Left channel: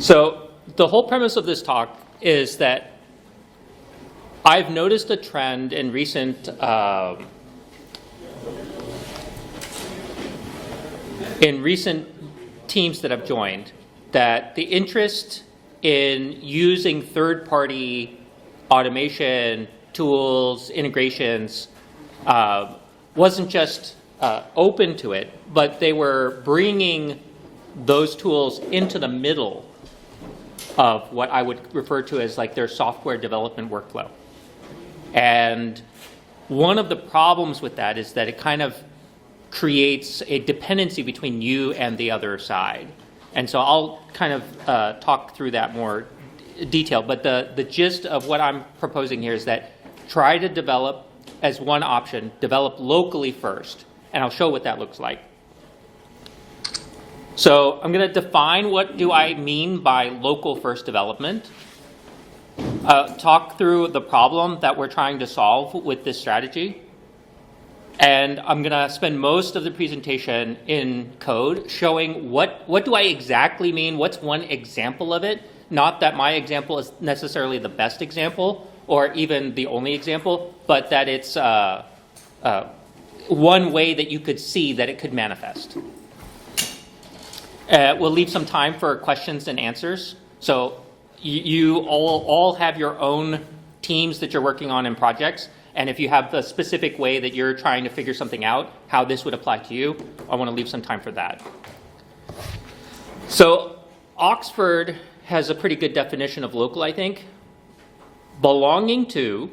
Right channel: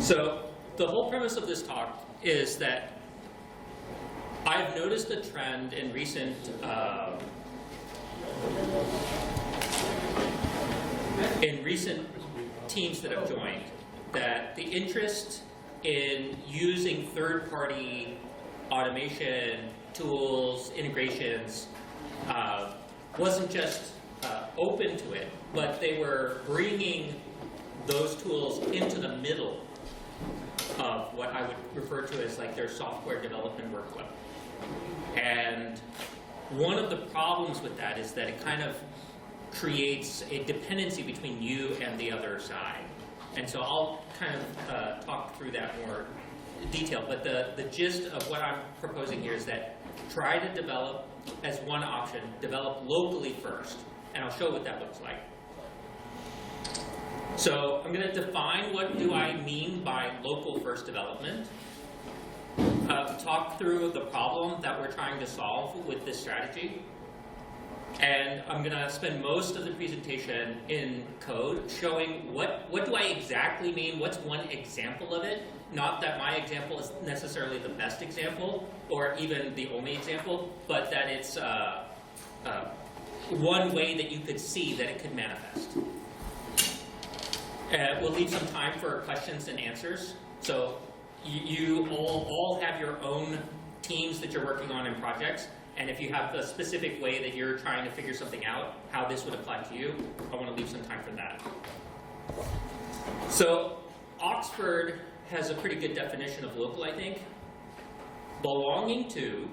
So the whole premise of this talk is that I've noticed a trend in recent teams that I've joined, that the interest in using third-party automation tools, integrations, wasn't just open to it, but they were bringing those tools into the middle of what I would refer to as like their software development workflow. And one of the problems with that is that it kind of creates a dependency between you and the other side. And so I'll kind of talk through that more detail, but the gist of what I'm proposing here is that try to develop as one option, develop locally first, and I'll show what that looks like. So I'm going to define what do I mean by local first development, talk through the problem that we're trying to solve with this strategy, and I'm going to spend most of the presentation in code showing what do I exactly mean, what's one example of it, not that my example is necessarily the best example or even the only example, but that it's one way that you could see that it could manifest. We'll leave some time for questions and answers. So you all have your own teams that you're working on in projects. And if you have a specific way that you're trying to figure something out, how this would apply to you, I want to leave some time for that. So Oxford has a pretty good definition of local, I think. Belonging to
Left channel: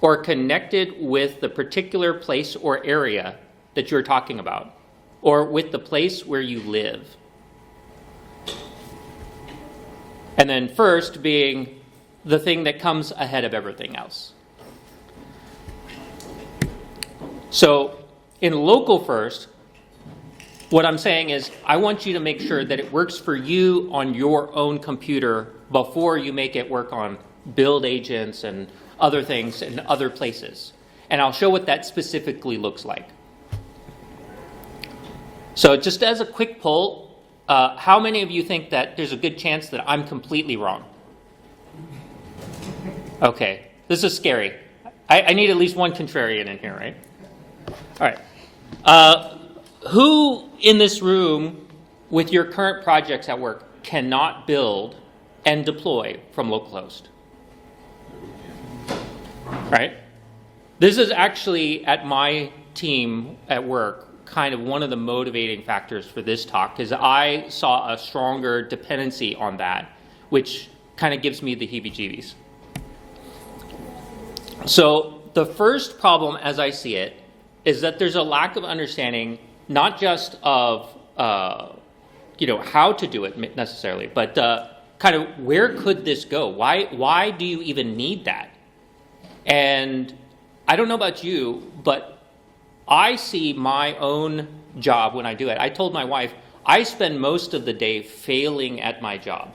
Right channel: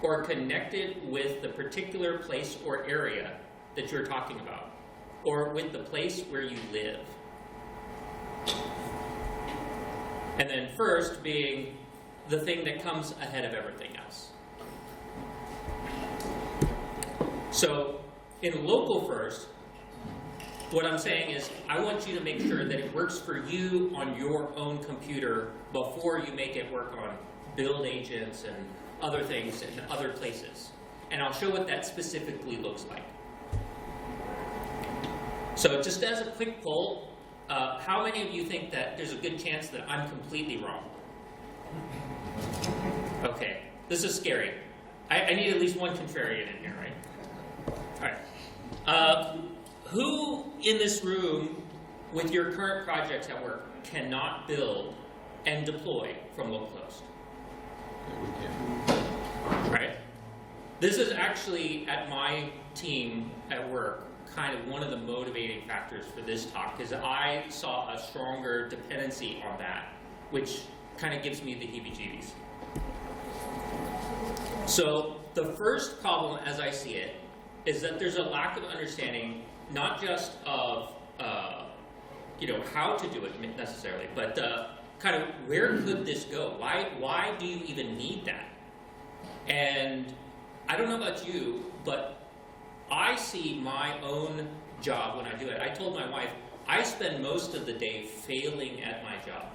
or connected with the particular place or area that you're talking about, or with the place where you live. And then first being the thing that comes ahead of everything else. So in local first, what I'm saying is I want you to make sure that it works for you on your own computer before you make it work on build agents and other things in other places. And I'll show what that specifically looks like. So just as a quick poll, how many of you think that there's a good chance that I'm completely wrong? Okay, this is scary. I need at least one contrarian in here, right? All right. Who in this room with your current projects at work cannot build and deploy from localhost? Right? This is actually at my team at work kind of one of the motivating factors for this talk, because I saw a stronger dependency on that, which kind of gives me the heebie-jeebies. So the first problem as I see it is that there's a lack of understanding, not just of how to do it necessarily, but kind of where could this go? Why do you even need that? And I don't know about you, but I see my own job when I do it. I told my wife, I spend most of the day failing at my job.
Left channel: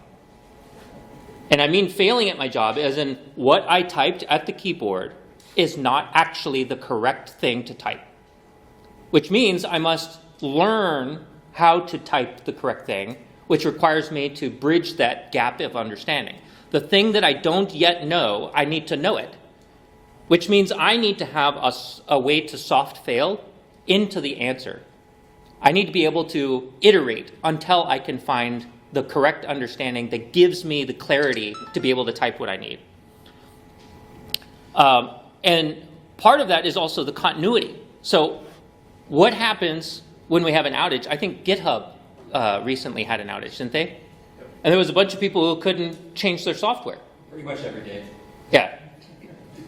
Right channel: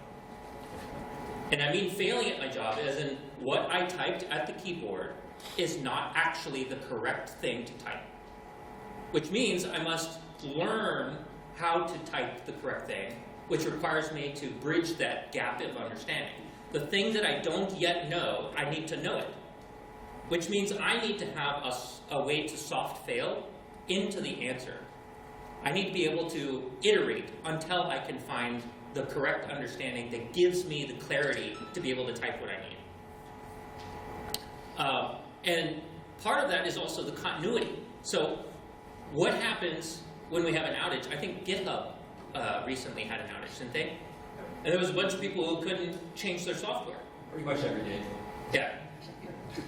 And I mean failing at my job as in what I typed at the keyboard is not actually the correct thing to type. Which means I must learn how to type the correct thing, which requires me to bridge that gap of understanding. The thing that I don't yet know, I need to know it. Which means I need to have a way to soft fail into the answer. I need to be able to iterate until I can find the correct understanding that gives me the clarity to be able to type what I need. And part of that is also the continuity. So what happens when we have an outage? I think GitHub recently had an outage, didn't they? And there was a bunch of people who couldn't change their software. Pretty much every day. Yeah.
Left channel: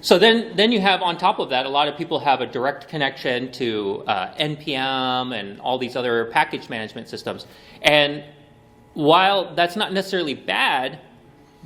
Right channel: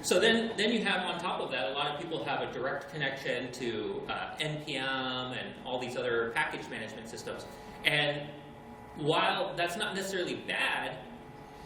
So then you have on top of that, a lot of people have a direct connection to NPM and all these other package management systems. And while that's not necessarily bad,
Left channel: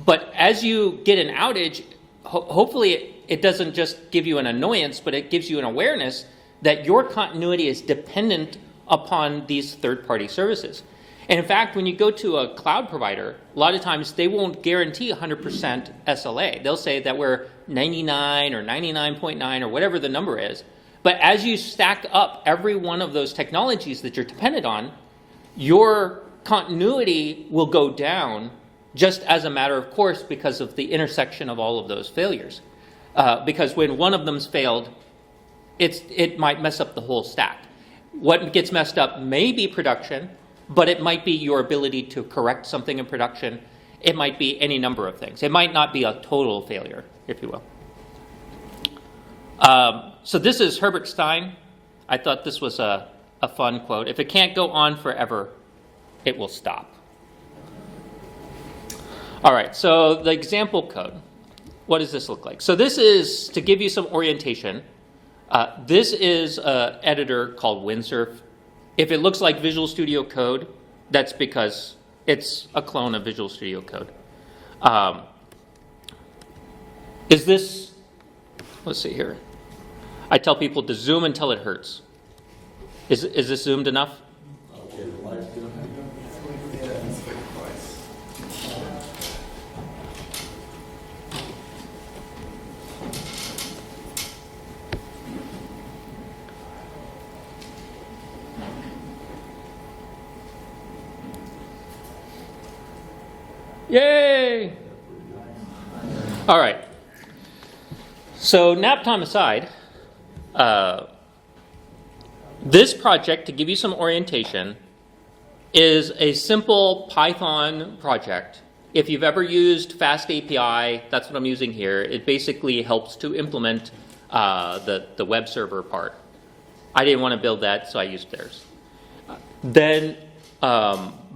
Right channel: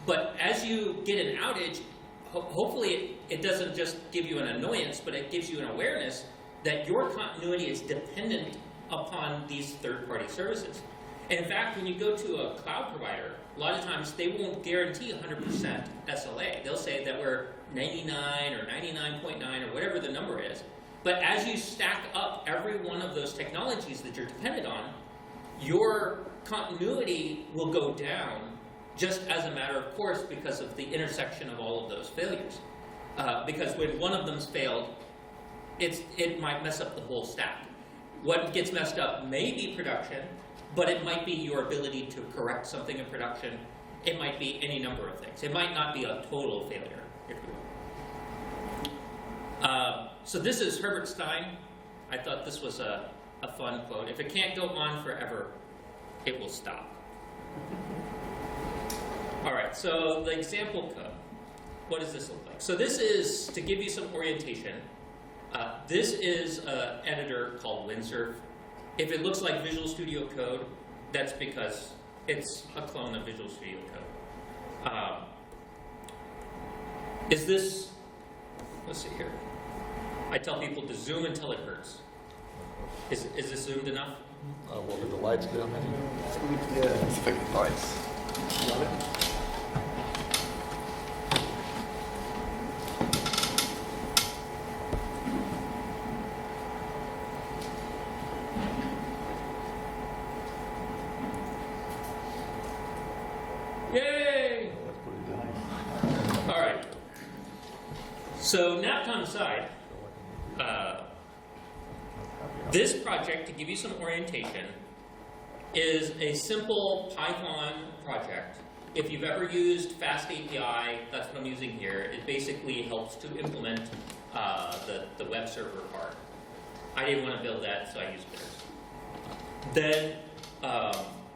but as you get an outage, hopefully it doesn't just give you an annoyance, but it gives you an awareness that your continuity is dependent upon these third-party services. And in fact, when you go to a cloud provider, a lot of times they won't guarantee 100% SLA. They'll say that we're 99 or 99.9 or whatever the number is. But as you stack up every one of those technologies that you're dependent on, your continuity will go down just as a matter of course because of the intersection of all of those failures. Because when one of them's failed, it might mess up the whole stack. What gets messed up may be production, but it might be your ability to correct something in production. It might be any number of things. It might not be a total failure, if you will. So this is Herbert Stein. I thought this was a fun quote. If it can't go on forever, it will stop. All right, so the example code. What does this look like? So this is, to give you some orientation, this is an editor called Windsurf. If it looks like Visual Studio Code, that's because it's a clone of Visual Studio Code. Is this, let's see here. I tell people to zoom until it hurts. Is this zoomed enough? The lights down. Yeah, it's the lights. Yay! All right. So nap time aside, this project, to give you some orientation, is a simple Python project. If you've ever used Fast API, that's what I'm using here. It basically helps to implement the web server part. I didn't want to build that, so I used theirs. Then,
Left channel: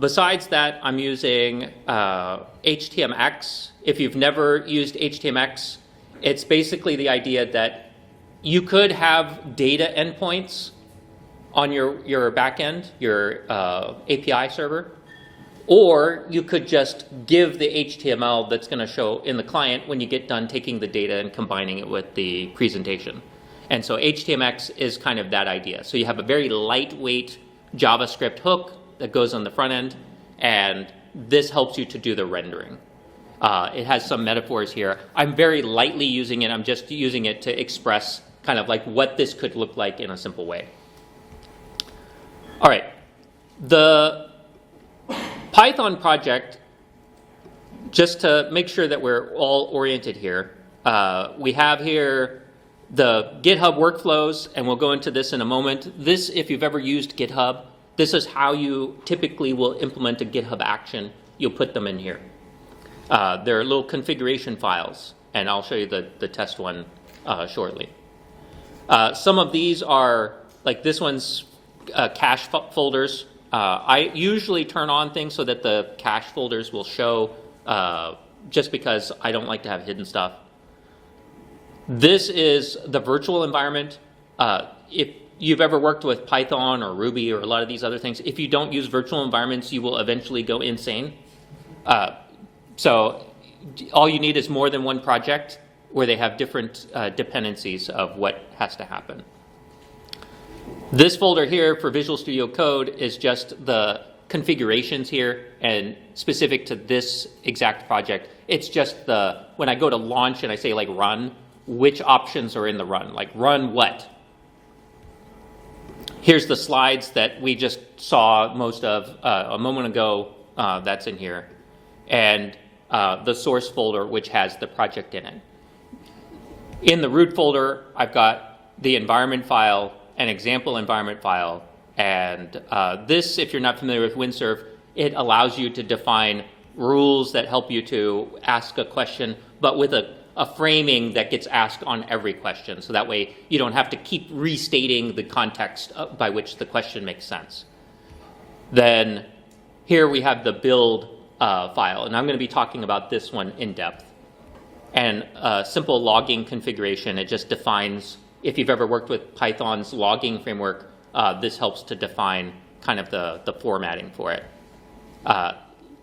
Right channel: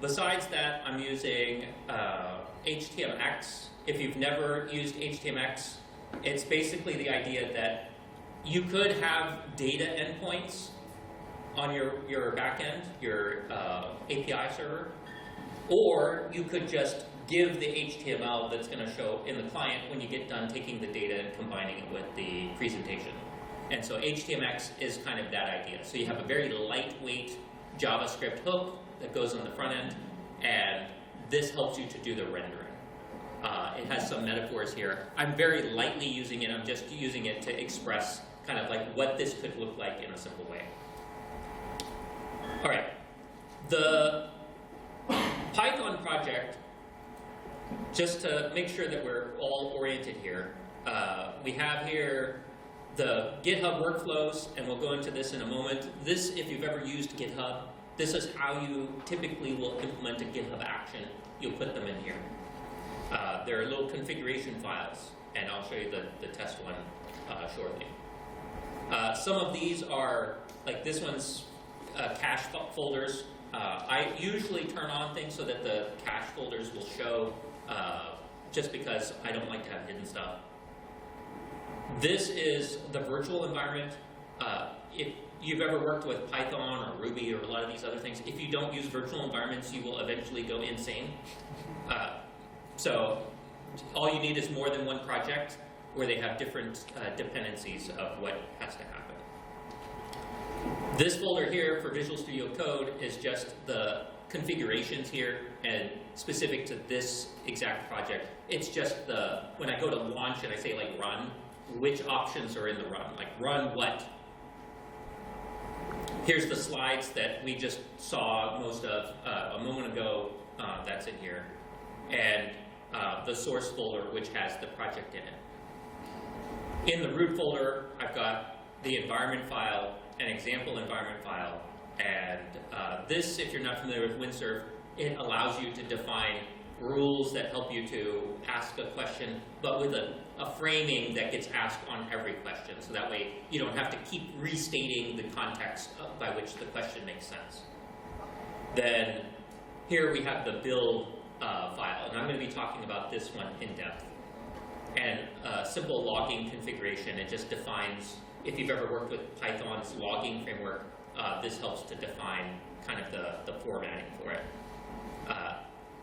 besides that, I'm using HTMX. If you've never used HTMX, it's basically the idea that you could have data endpoints on your backend, your API server, or you could just give the HTML that's going to show in the client when you get done taking the data and combining it with the presentation. And so HTMX is kind of that idea. So you have a very lightweight JavaScript hook that goes on the front end, and this helps you to do the rendering. It has some metaphors here. I'm very lightly using it. I'm just using it to express kind of like what this could look like in a simple way. All right, the Python project, just to make sure that we're all oriented here, we have here the GitHub workflows, and we'll go into this in a moment. This, if you've ever used GitHub, this is how you typically will implement a GitHub action. You'll put them in here. There are little configuration files, and I'll show you the test one shortly. Some of these are, like this one's cache folders. I usually turn on things so that the cache folders will show, just because I don't like to have hidden stuff. This is the virtual environment. If you've ever worked with Python or Ruby or a lot of these other things, if you don't use virtual environments, you will eventually go insane. So all you need is more than one project where they have different dependencies of what has to happen. This folder here for Visual Studio Code is just the configurations here, and specific to this exact project, it's just when I go to launch and I say like run, which options are in the run, like run what? Here's the slides that we just saw most of a moment ago, that's in here, and the source folder which has the project in it. In the root folder, I've got the environment file, an example environment file, and this, if you're not familiar with Windsurf, it allows you to define rules that help you to ask a question, but with a framing that gets asked on every question. So that way you don't have to keep restating the context by which the question makes sense. Then here we have the build file, and I'm going to be talking about this one in depth. And simple logging configuration, it just defines, if you've ever worked with Python's logging framework, this helps to define kind of the formatting for it.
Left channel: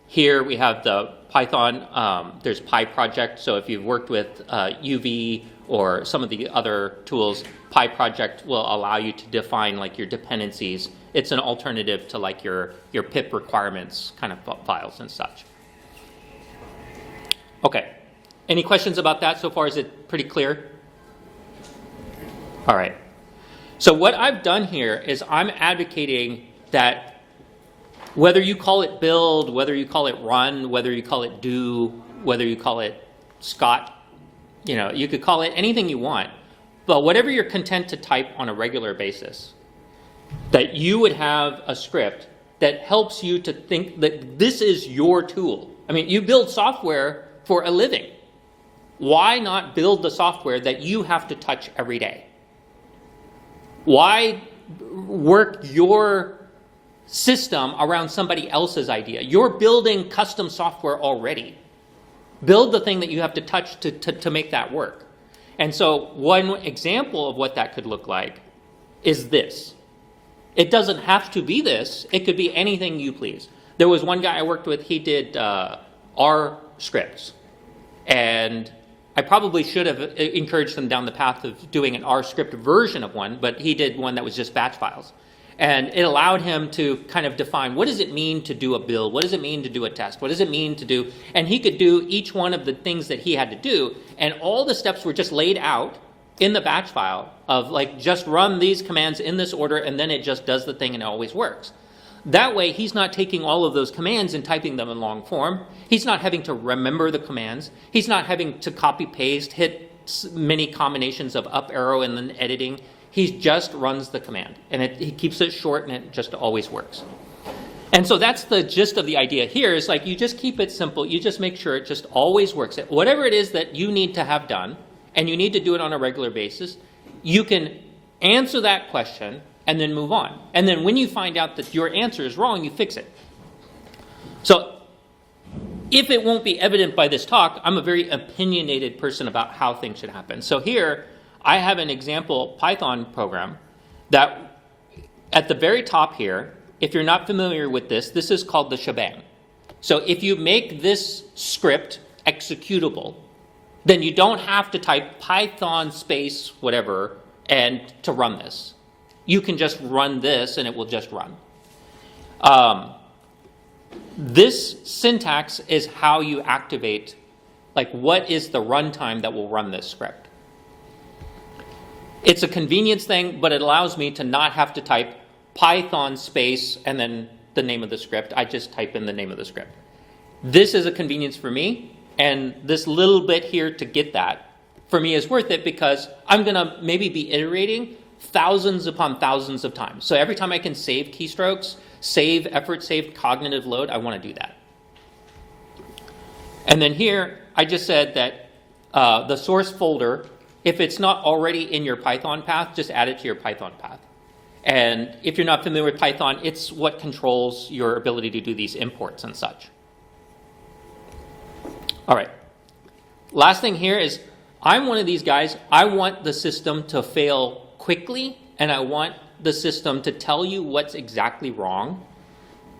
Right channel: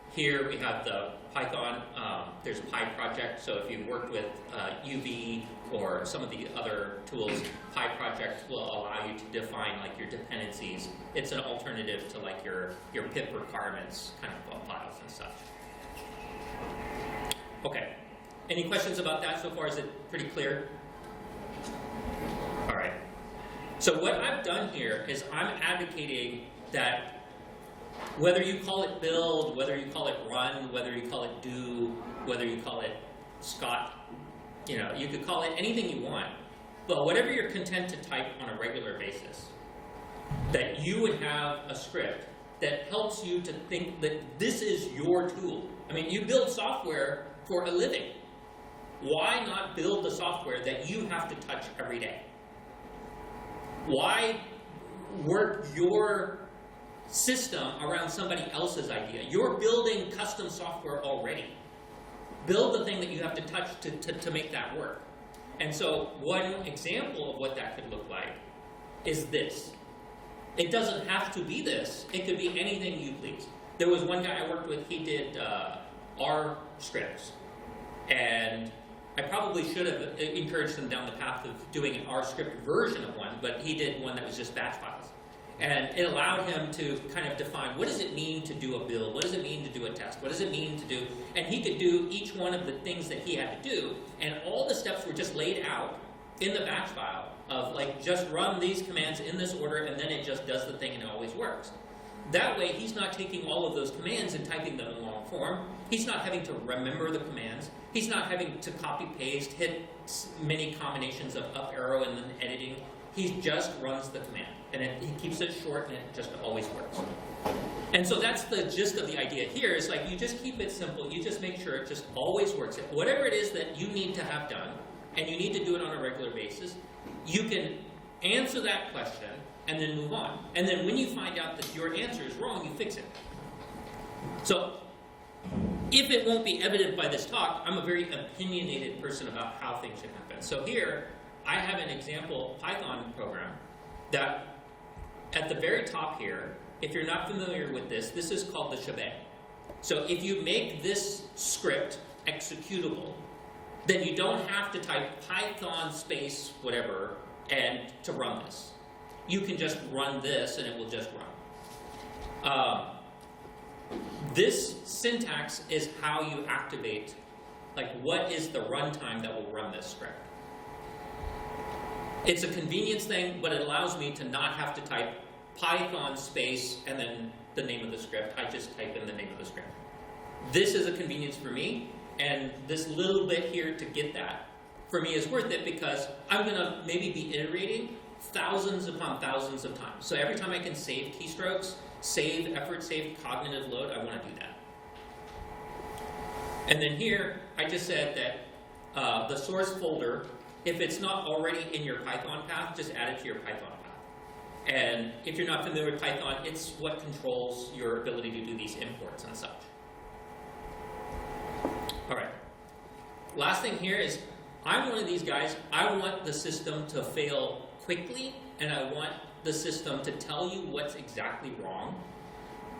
Here we have the Python, there's PyProject, so if you've worked with UV or some of the other tools, PyProject will allow you to define like your dependencies. It's an alternative to like your pip requirements kind of files and such. Okay, any questions about that so far? Is it pretty clear? All right, so what I've done here is I'm advocating that Whether you call it build, whether you call it run, whether you call it do, whether you call it Scott, you could call it anything you want. But whatever you're content to type on a regular basis, that you would have a script that helps you to think that this is your tool. I mean, you build software for a living. Why not build the software that you have to touch every day? Why work your system around somebody else's idea? You're building custom software already. Build the thing that you have to touch to make that work. And so one example of what that could look like is this. It doesn't have to be this. It could be anything you please. There was one guy I worked with, he did R scripts. And I probably should have encouraged him down the path of doing an R script version of one, but he did one that was just batch files. And it allowed him to kind of define, what does it mean to do a build? What does it mean to do a test? What does it mean to do? And he could do each one of the things that he had to do, and all the steps were just laid out in the batch file of like, just run these commands in this order, and then it just does the thing and it always works. That way, he's not taking all of those commands and typing them in long form. He's not having to remember the commands. He's not having to copy paste, hit many combinations of up arrow and then editing. He just runs the command, and he keeps it short, and it just always works. And so that's the gist of the idea here, is like, you just keep it simple. You just make sure it just always works. Whatever it is that you need to have done, and you need to do it on a regular basis, you can answer that question and then move on. And then when you find out that your answer is wrong, you fix it. So if it won't be evident by this talk, I'm a very opinionated person about how things should happen. So here, I have an example Python program that at the very top here, if you're not familiar with this, this is called the shebang. So if you make this script executable, then you don't have to type Python space whatever and to run this. You can just run this and it will just run. This syntax is how you activate, like, what is the runtime that will run this script. It's a convenience thing, but it allows me to not have to type Python space and then the name of the script. I just type in the name of the script. This is a convenience for me, and this little bit here to get that, for me, is worth it, because I'm going to maybe be iterating thousands upon thousands of times. So every time I can save keystrokes, save effort, save cognitive load, I want to do that. And then here, I just said that the source folder, if it's not already in your Python path, just add it to your Python path. And if you're not familiar with Python, it's what controls your ability to do these imports and such. All right. Last thing here is, I'm one of these guys, I want the system to fail quickly, and I want the system to tell you what's exactly wrong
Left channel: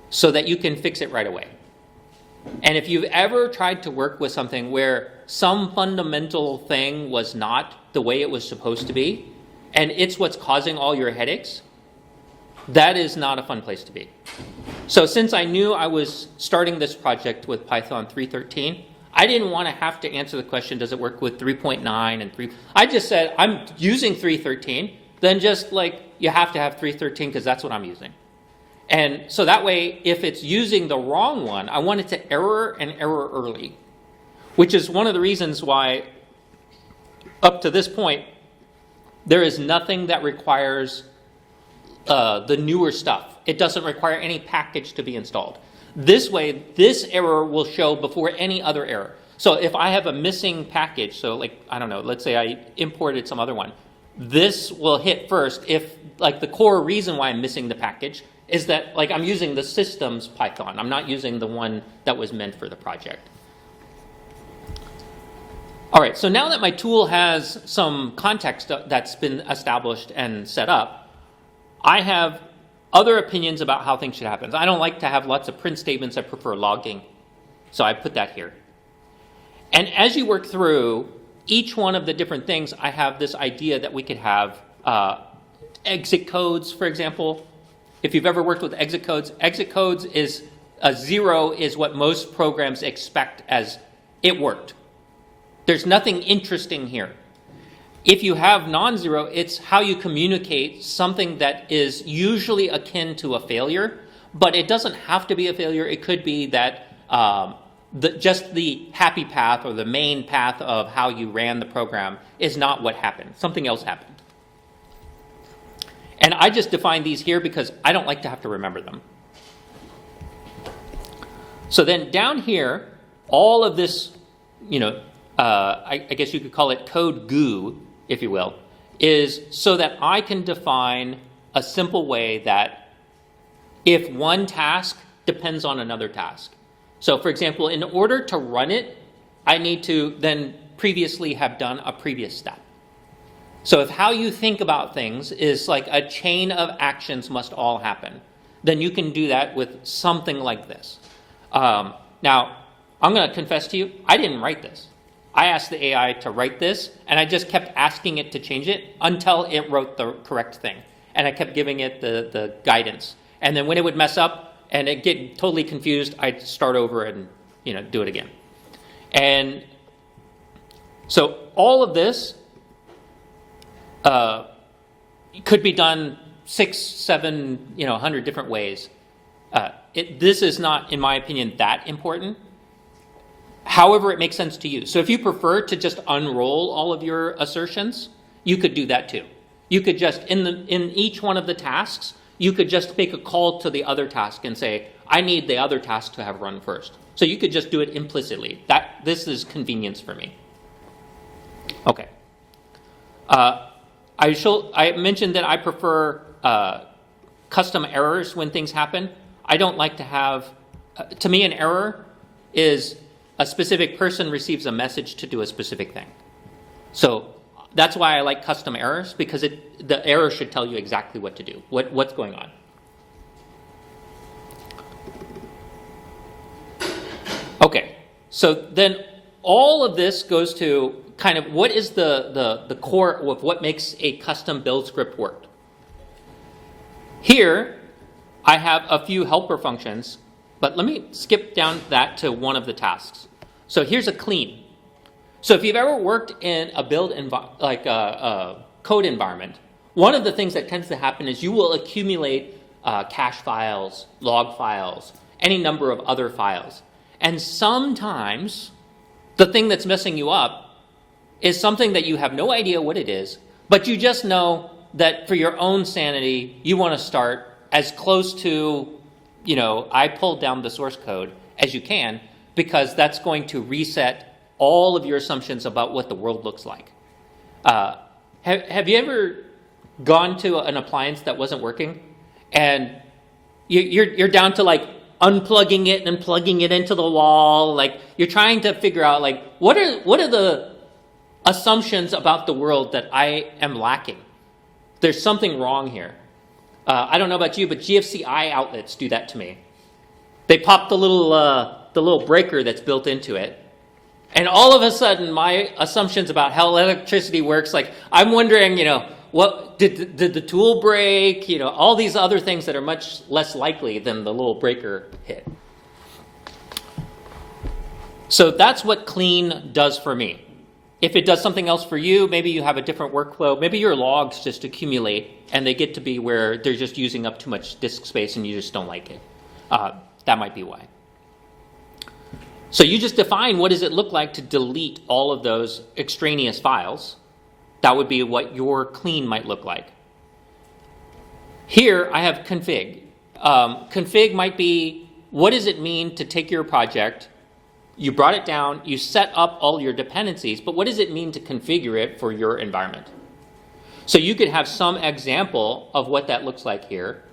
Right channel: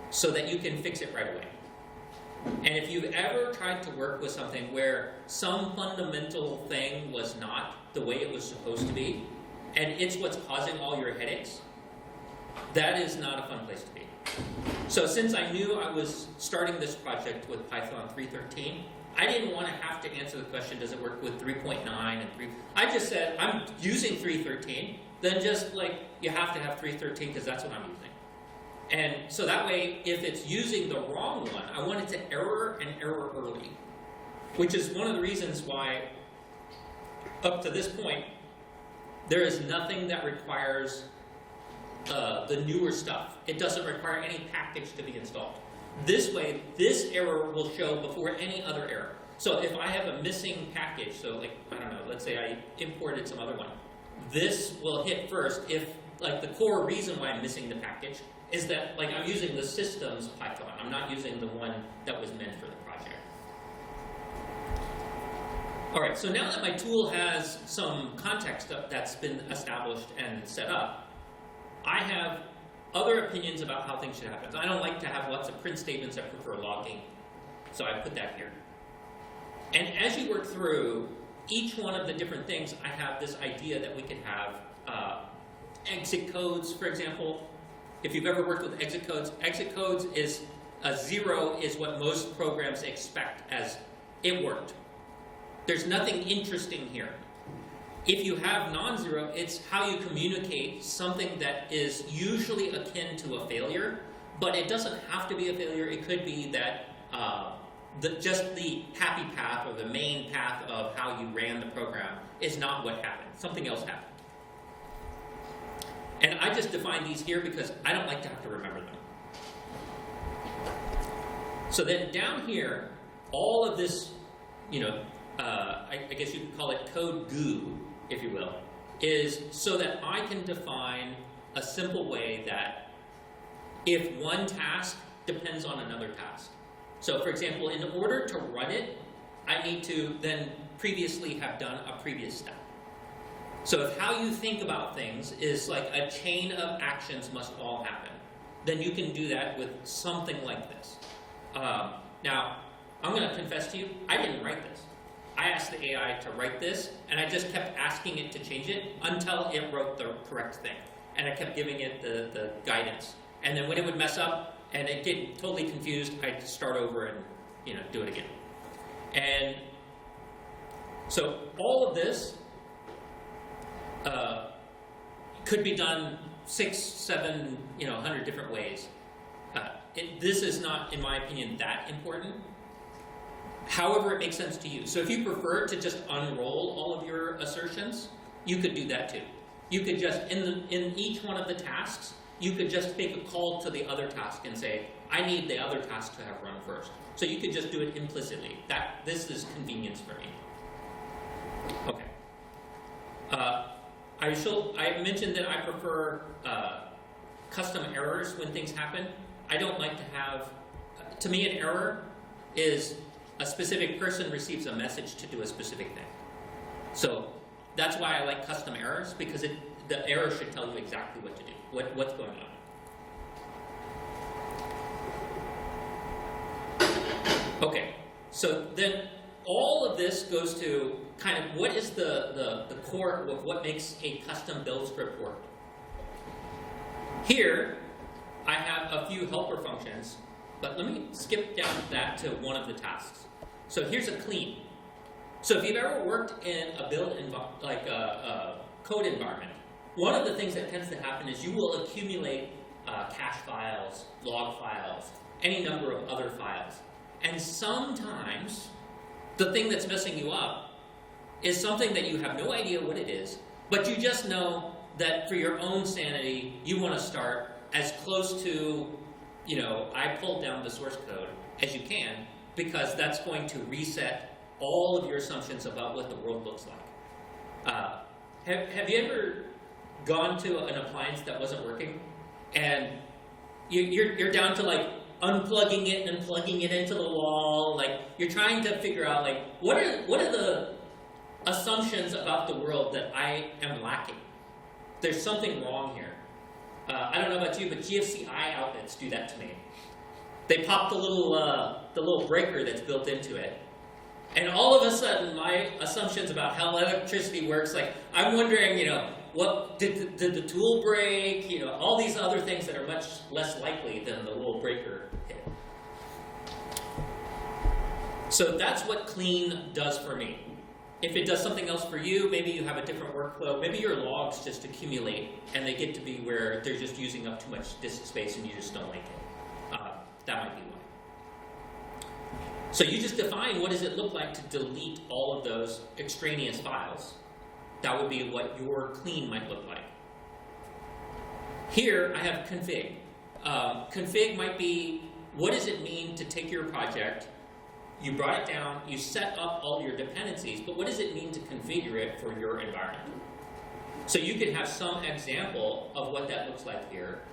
so that you can fix it right away. And if you've ever tried to work with something where some fundamental thing was not the way it was supposed to be, and it's what's causing all your headaches, that is not a fun place to be. So since I knew I was starting this project with Python 3.13, I didn't want to have to answer the question, does it work with 3.9 and 3? I just said, I'm using 3.13, then just like, you have to have 3.13 because that's what I'm using. And so that way, if it's using the wrong one, I want it to error and error early, which is one of the reasons why, up to this point, there is nothing that requires the newer stuff. It doesn't require any package to be installed. This way, this error will show before any other error. So if I have a missing package, so like, I don't know, let's say I imported some other one, this will hit first if, like, the core reason why I'm missing the package is that, like, I'm using the system's Python. I'm not using the one that was meant for the project. All right, so now that my tool has some context that's been established and set up, I have other opinions about how things should happen. I don't like to have lots of print statements. I prefer logging. So I put that here. And as you work through each one of the different things, I have this idea that we could have exit codes, for example. If you've ever worked with exit codes is a 0 is what most programs expect as it worked. There's nothing interesting here. If you have non-zero, it's how you communicate something that is usually akin to a failure, but it doesn't have to be a failure. It could be that just the happy path or the main path of how you ran the program is not what happened. Something else happened. And I just define these here because I don't like to have to remember them. So then down here, all of this, I guess you could call it code goo, if you will, is so that I can define a simple way that if one task depends on another task. So for example, in order to run it, I need to then previously have done a previous step. So if how you think about things is like a chain of actions must all happen, then you can do that with something like this. Now, I'm going to confess to you, I didn't write this. I asked the AI to write this, and I just kept asking it to change it until it wrote the correct thing. And I kept giving it the guidance. And then when it would mess up and it get totally confused, I'd start over and do it again. And so all of this could be done 6, 7, 100 different ways. This is not, in my opinion, that important. However, it makes sense to you. So if you prefer to just unroll all of your assertions, you could do that too. You could just, in each one of the tasks, you could just make a call to the other task and say, I need the other task to have run first. So you could just do it implicitly. This is convenience for me. Okay. I mentioned that I prefer custom errors when things happen. I don't like to have, to me an error is a specific person receives a message to do a specific thing. So that's why I like custom errors, because the error should tell you exactly what to do, what's going on. Okay, so then all of this goes to kind of what is the core of what makes a custom build script work. Here, I have a few helper functions, but let me skip down that to one of the tasks. So here's a clean. So if you've ever worked in a build code environment, one of the things that tends to happen is you will accumulate cache files, log files, any number of other files. And sometimes the thing that's messing you up is something that you have no idea what it is, but you just know that for your own sanity, you want to start as close to, I pulled down the source code as you can, because that's going to reset all of your assumptions about what the world looks like. Have you ever gone to an appliance that wasn't working, and you're down to like unplugging it and plugging it into the wall? Like you're trying to figure out like what are the assumptions about the world that I am lacking? There's something wrong here. I don't know about you, but GFCI outlets do that to me. They pop the little breaker that's built into it, and all of a sudden my assumptions about how electricity works, like I'm wondering, what did the tool break? All these other things that are much less likely than the little breaker hit. So that's what clean does for me. If it does something else for you, maybe you have a different workflow. Maybe your logs just accumulate and they get to be where they're just using up too much disk space and you just don't like it. That might be why. So you just define what does it look like to delete all of those extraneous files. That would be what your clean might look like. Here I have config. Config might be, what does it mean to take your project, you brought it down, you set up all your dependencies, but what does it mean to configure it for your environment? So you could have some example of what that looks like here.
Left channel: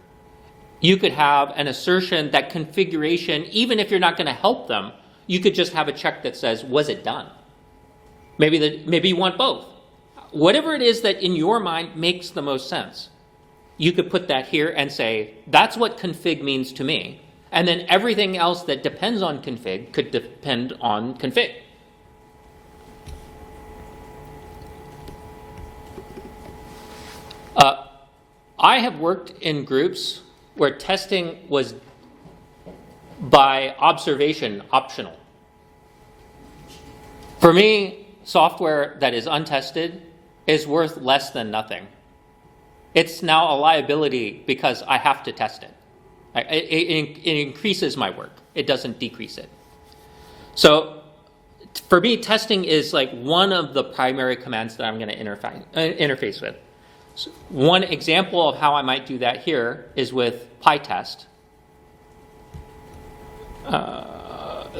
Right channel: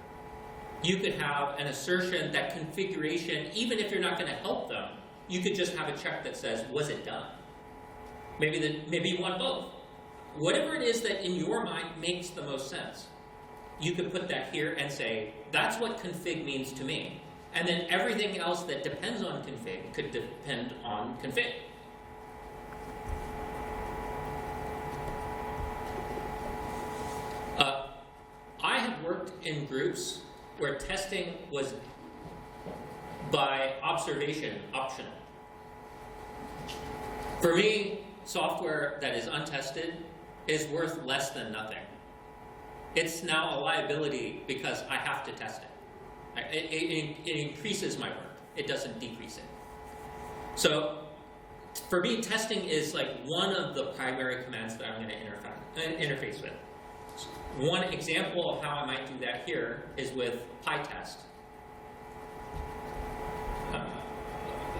You could have an assertion that configuration, even if you're not going to help them, you could just have a check that says, was it done? Maybe you want both. Whatever it is that in your mind makes the most sense, you could put that here and say, that's what config means to me. And then everything else that depends on config could depend on config. I have worked in groups where testing was by observation optional. For me, software that is untested is worth less than nothing. It's now a liability because I have to test it. It increases my work. It doesn't decrease it. So for me, testing is like one of the primary commands that I'm going to interface with. So one example of how I might do that here is with PyTest.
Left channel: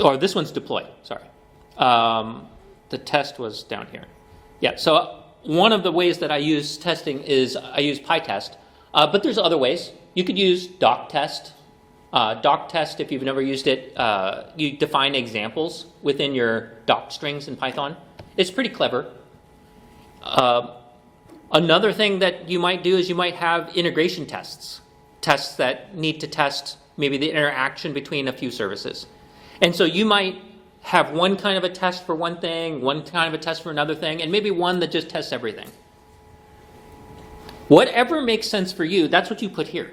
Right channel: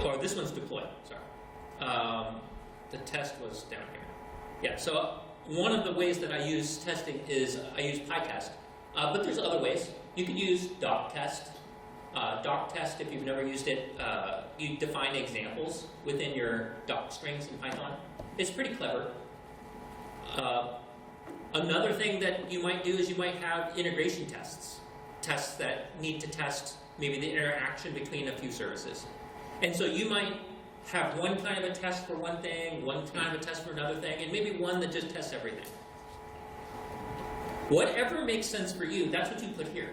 Or this one's deploy, sorry. The test was down here. Yeah, so one of the ways that I use testing is I use PyTest, but there's other ways. You could use doctest. Doctest, if you've never used it, you define examples within your doc strings in Python. It's pretty clever. Another thing that you might do is you might have integration tests. Tests that need to test maybe the interaction between a few services. And so you might have one kind of a test for one thing, one kind of a test for another thing, and maybe one that just tests everything. Whatever makes sense for you, that's what you put here.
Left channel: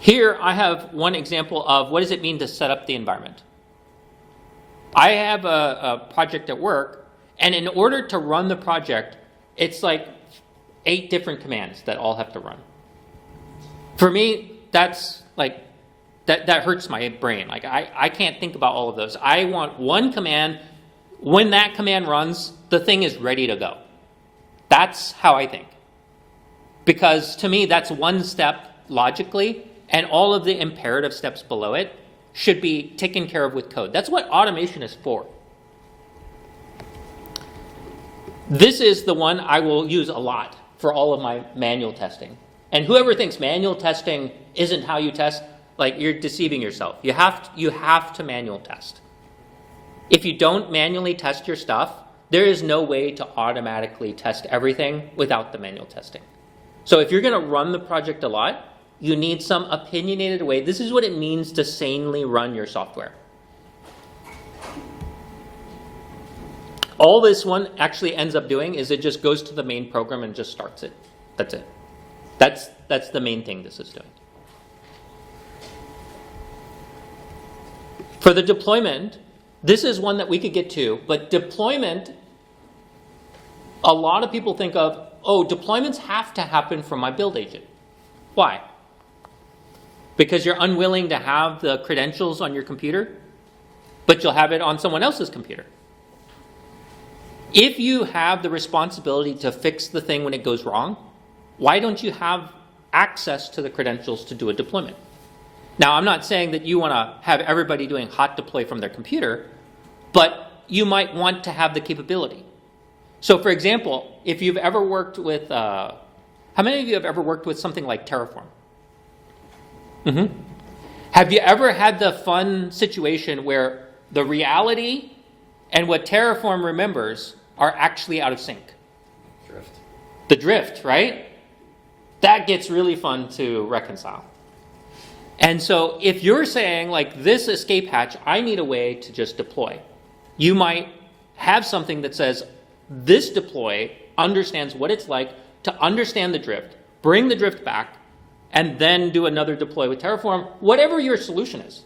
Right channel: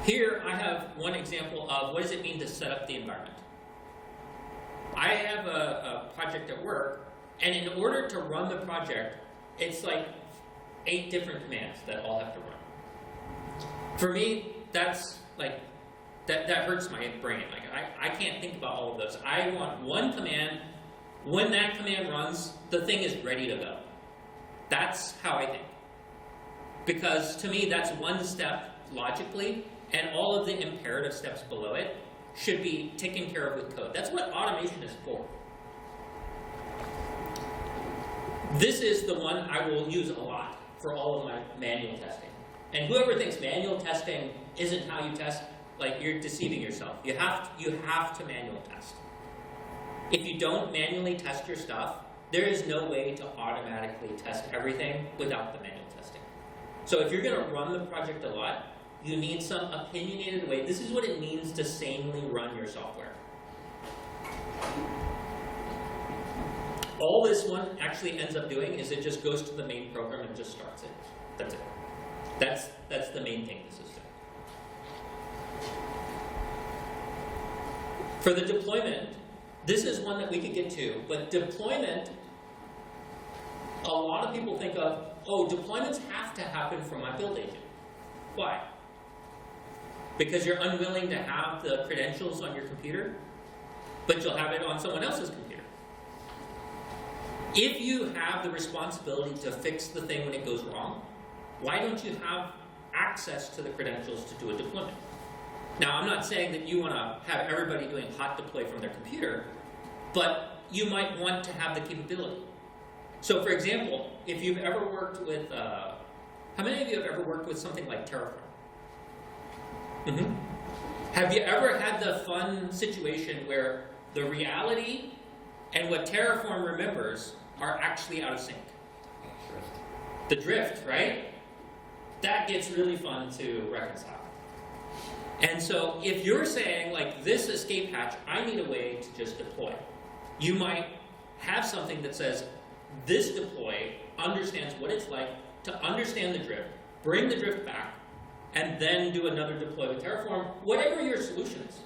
Here I have one example of what does it mean to set up the environment. I have a project at work, and in order to run the project, it's like 8 different commands that all have to run. For me, that's like, that hurts my brain. Like I can't think about all of those. I want one command. When that command runs, the thing is ready to go. That's how I think. Because to me, that's one step logically, and all of the imperative steps below it should be taken care of with code. That's what automation is for. This is the one I will use a lot for all of my manual testing. And whoever thinks manual testing isn't how you test, like, you're deceiving yourself. You have to manual test. If you don't manually test your stuff, there is no way to automatically test everything without the manual testing. So if you're going to run the project a lot, you need some opinionated way. This is what it means to sanely run your software. All this one actually ends up doing is it just goes to the main program and just starts it. That's it. That's the main thing this is doing. For the deployment, this is one that we could get to, but deployment, a lot of people think of, oh, deployments have to happen from my build agent. Why? Because you're unwilling to have the credentials on your computer, but you'll have it on someone else's computer. If you have the responsibility to fix the thing when it goes wrong, why don't you have access to the credentials to do a deployment? Now, I'm not saying that you want to have everybody doing hot deploy from their computer, but you might want to have the capability. So, for example, if you've ever worked with, how many of you have ever worked with something like Terraform? Mm-hmm. Have you ever had the fun situation where the reality and what Terraform remembers are actually out of sync? Drift. The drift, right? That gets really fun to reconcile. And so if you're saying, like, this escape hatch, I need a way to just deploy. You might have something that says, this deploy understands what it's like to understand the drift, bring the drift back, and then do another deploy with Terraform, whatever your solution is.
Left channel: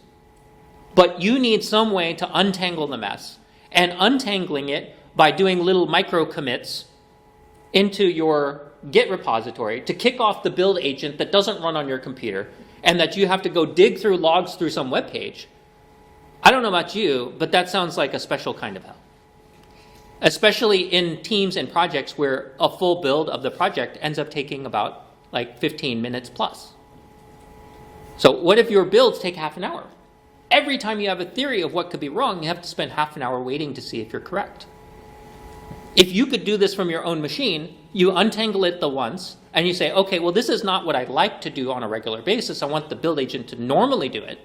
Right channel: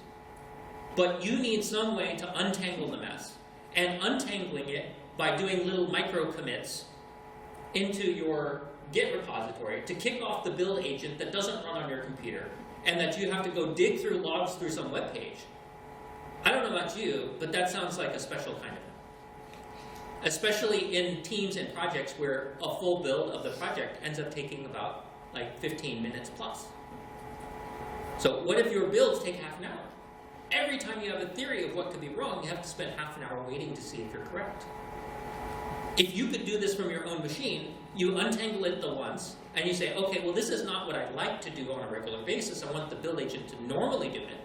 But you need some way to untangle the mess. And untangling it by doing little micro commits into your Git repository to kick off the build agent that doesn't run on your computer, and that you have to go dig through logs through some web page. I don't know about you, but that sounds like a special kind of hell. Especially in teams and projects where a full build of the project ends up taking about like 15 minutes plus. So what if your builds take half an hour? Every time you have a theory of what could be wrong, you have to spend half an hour waiting to see if you're correct. If you could do this from your own machine, you untangle it the once, and you say, okay, well, this is not what I like to do on a regular basis. I want the build agent to normally do it.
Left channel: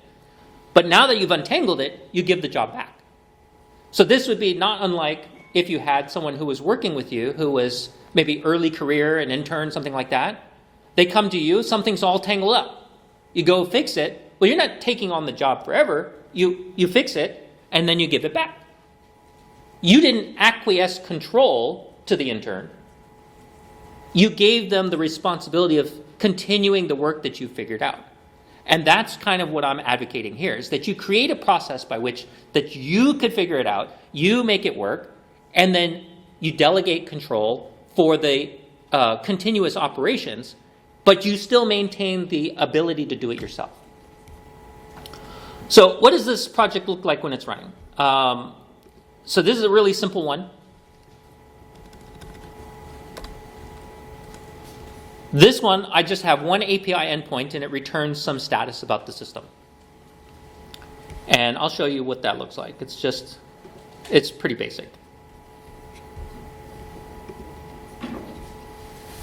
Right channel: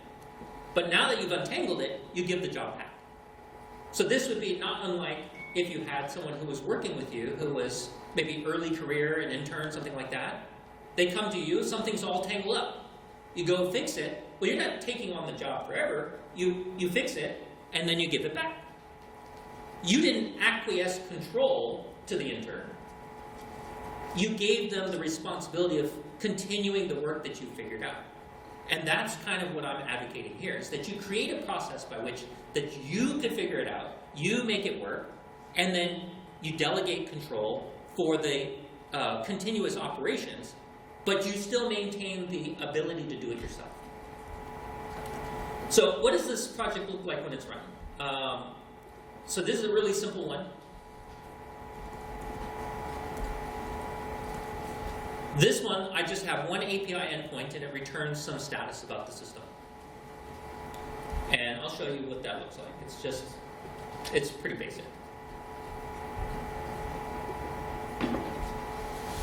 But now that you've untangled it, you give the job back. So this would be not unlike if you had someone who was working with you, who was maybe early career, an intern, something like that. They come to you, something's all tangled up. You go fix it. Well, you're not taking on the job forever. You fix it, and then you give it back. You didn't acquiesce control to the intern. You gave them the responsibility of continuing the work that you figured out. And that's kind of what I'm advocating here, is that you create a process by which that you could figure it out, you make it work, and then you delegate control for the continuous operations, but you still maintain the ability to do it yourself. So what does this project look like when it's running? So this is a really simple one. This one, I just have one API endpoint and it returns some status about the system. And I'll show you what that looks like. It's pretty basic.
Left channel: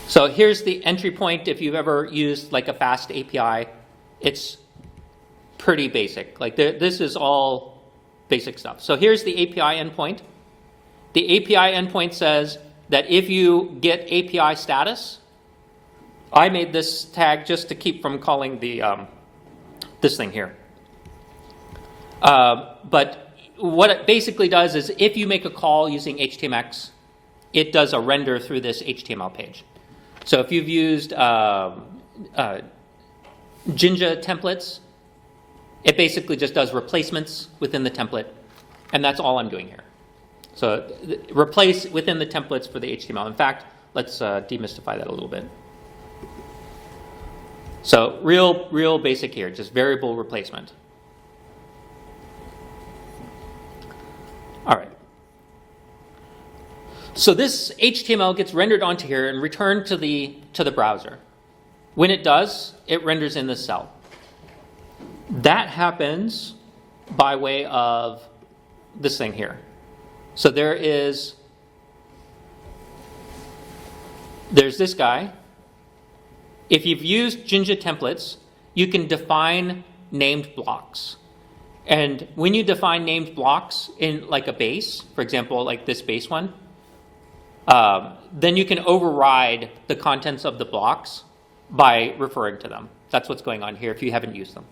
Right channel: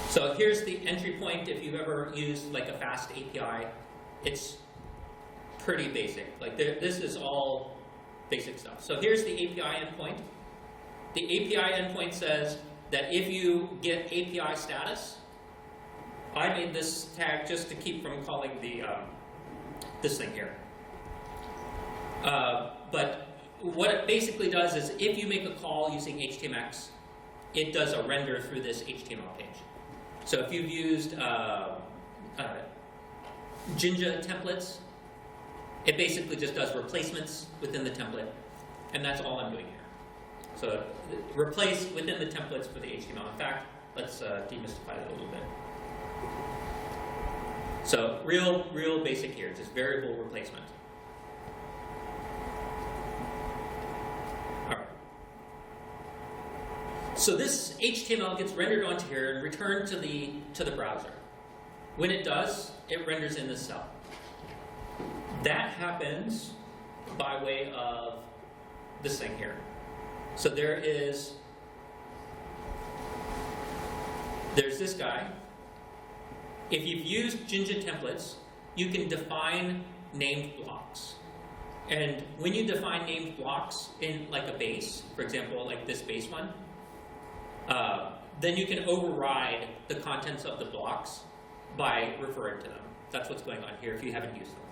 So here's the entry point. If you've ever used like a fast API, it's pretty basic. Like this is all basic stuff. So here's the API endpoint. The API endpoint says that if you get API status, I made this tag just to keep from calling the this thing here. But what it basically does is if you make a call using HTMX, it does a render through this HTML page. So if you've used Jinja templates, it basically just does replacements within the template, and that's all I'm doing here. So replace within the templates for the HTML. In fact, let's demystify that a little bit. So real basic here, just variable replacement. All right. So this HTML gets rendered onto here and returned to the browser. When it does, it renders in this cell. That happens by way of this thing here. So there's this guy. If you've used Jinja templates, you can define named blocks. And when you define named blocks in like a base, for example, like this base one, then you can override the contents of the blocks by referring to them. That's what's going on here if you haven't used them.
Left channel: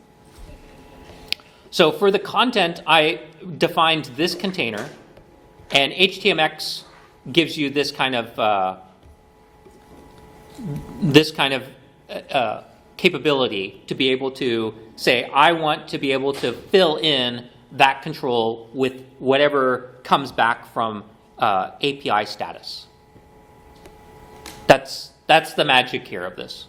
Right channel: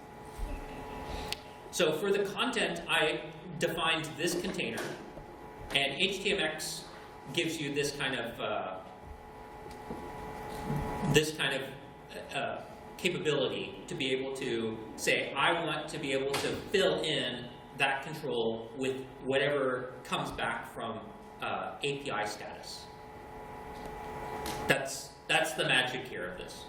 So for the content, I defined this container, and HTMX gives you this kind of capability to be able to say, I want to be able to fill in that control with whatever comes back from API status. That's the magic here of this.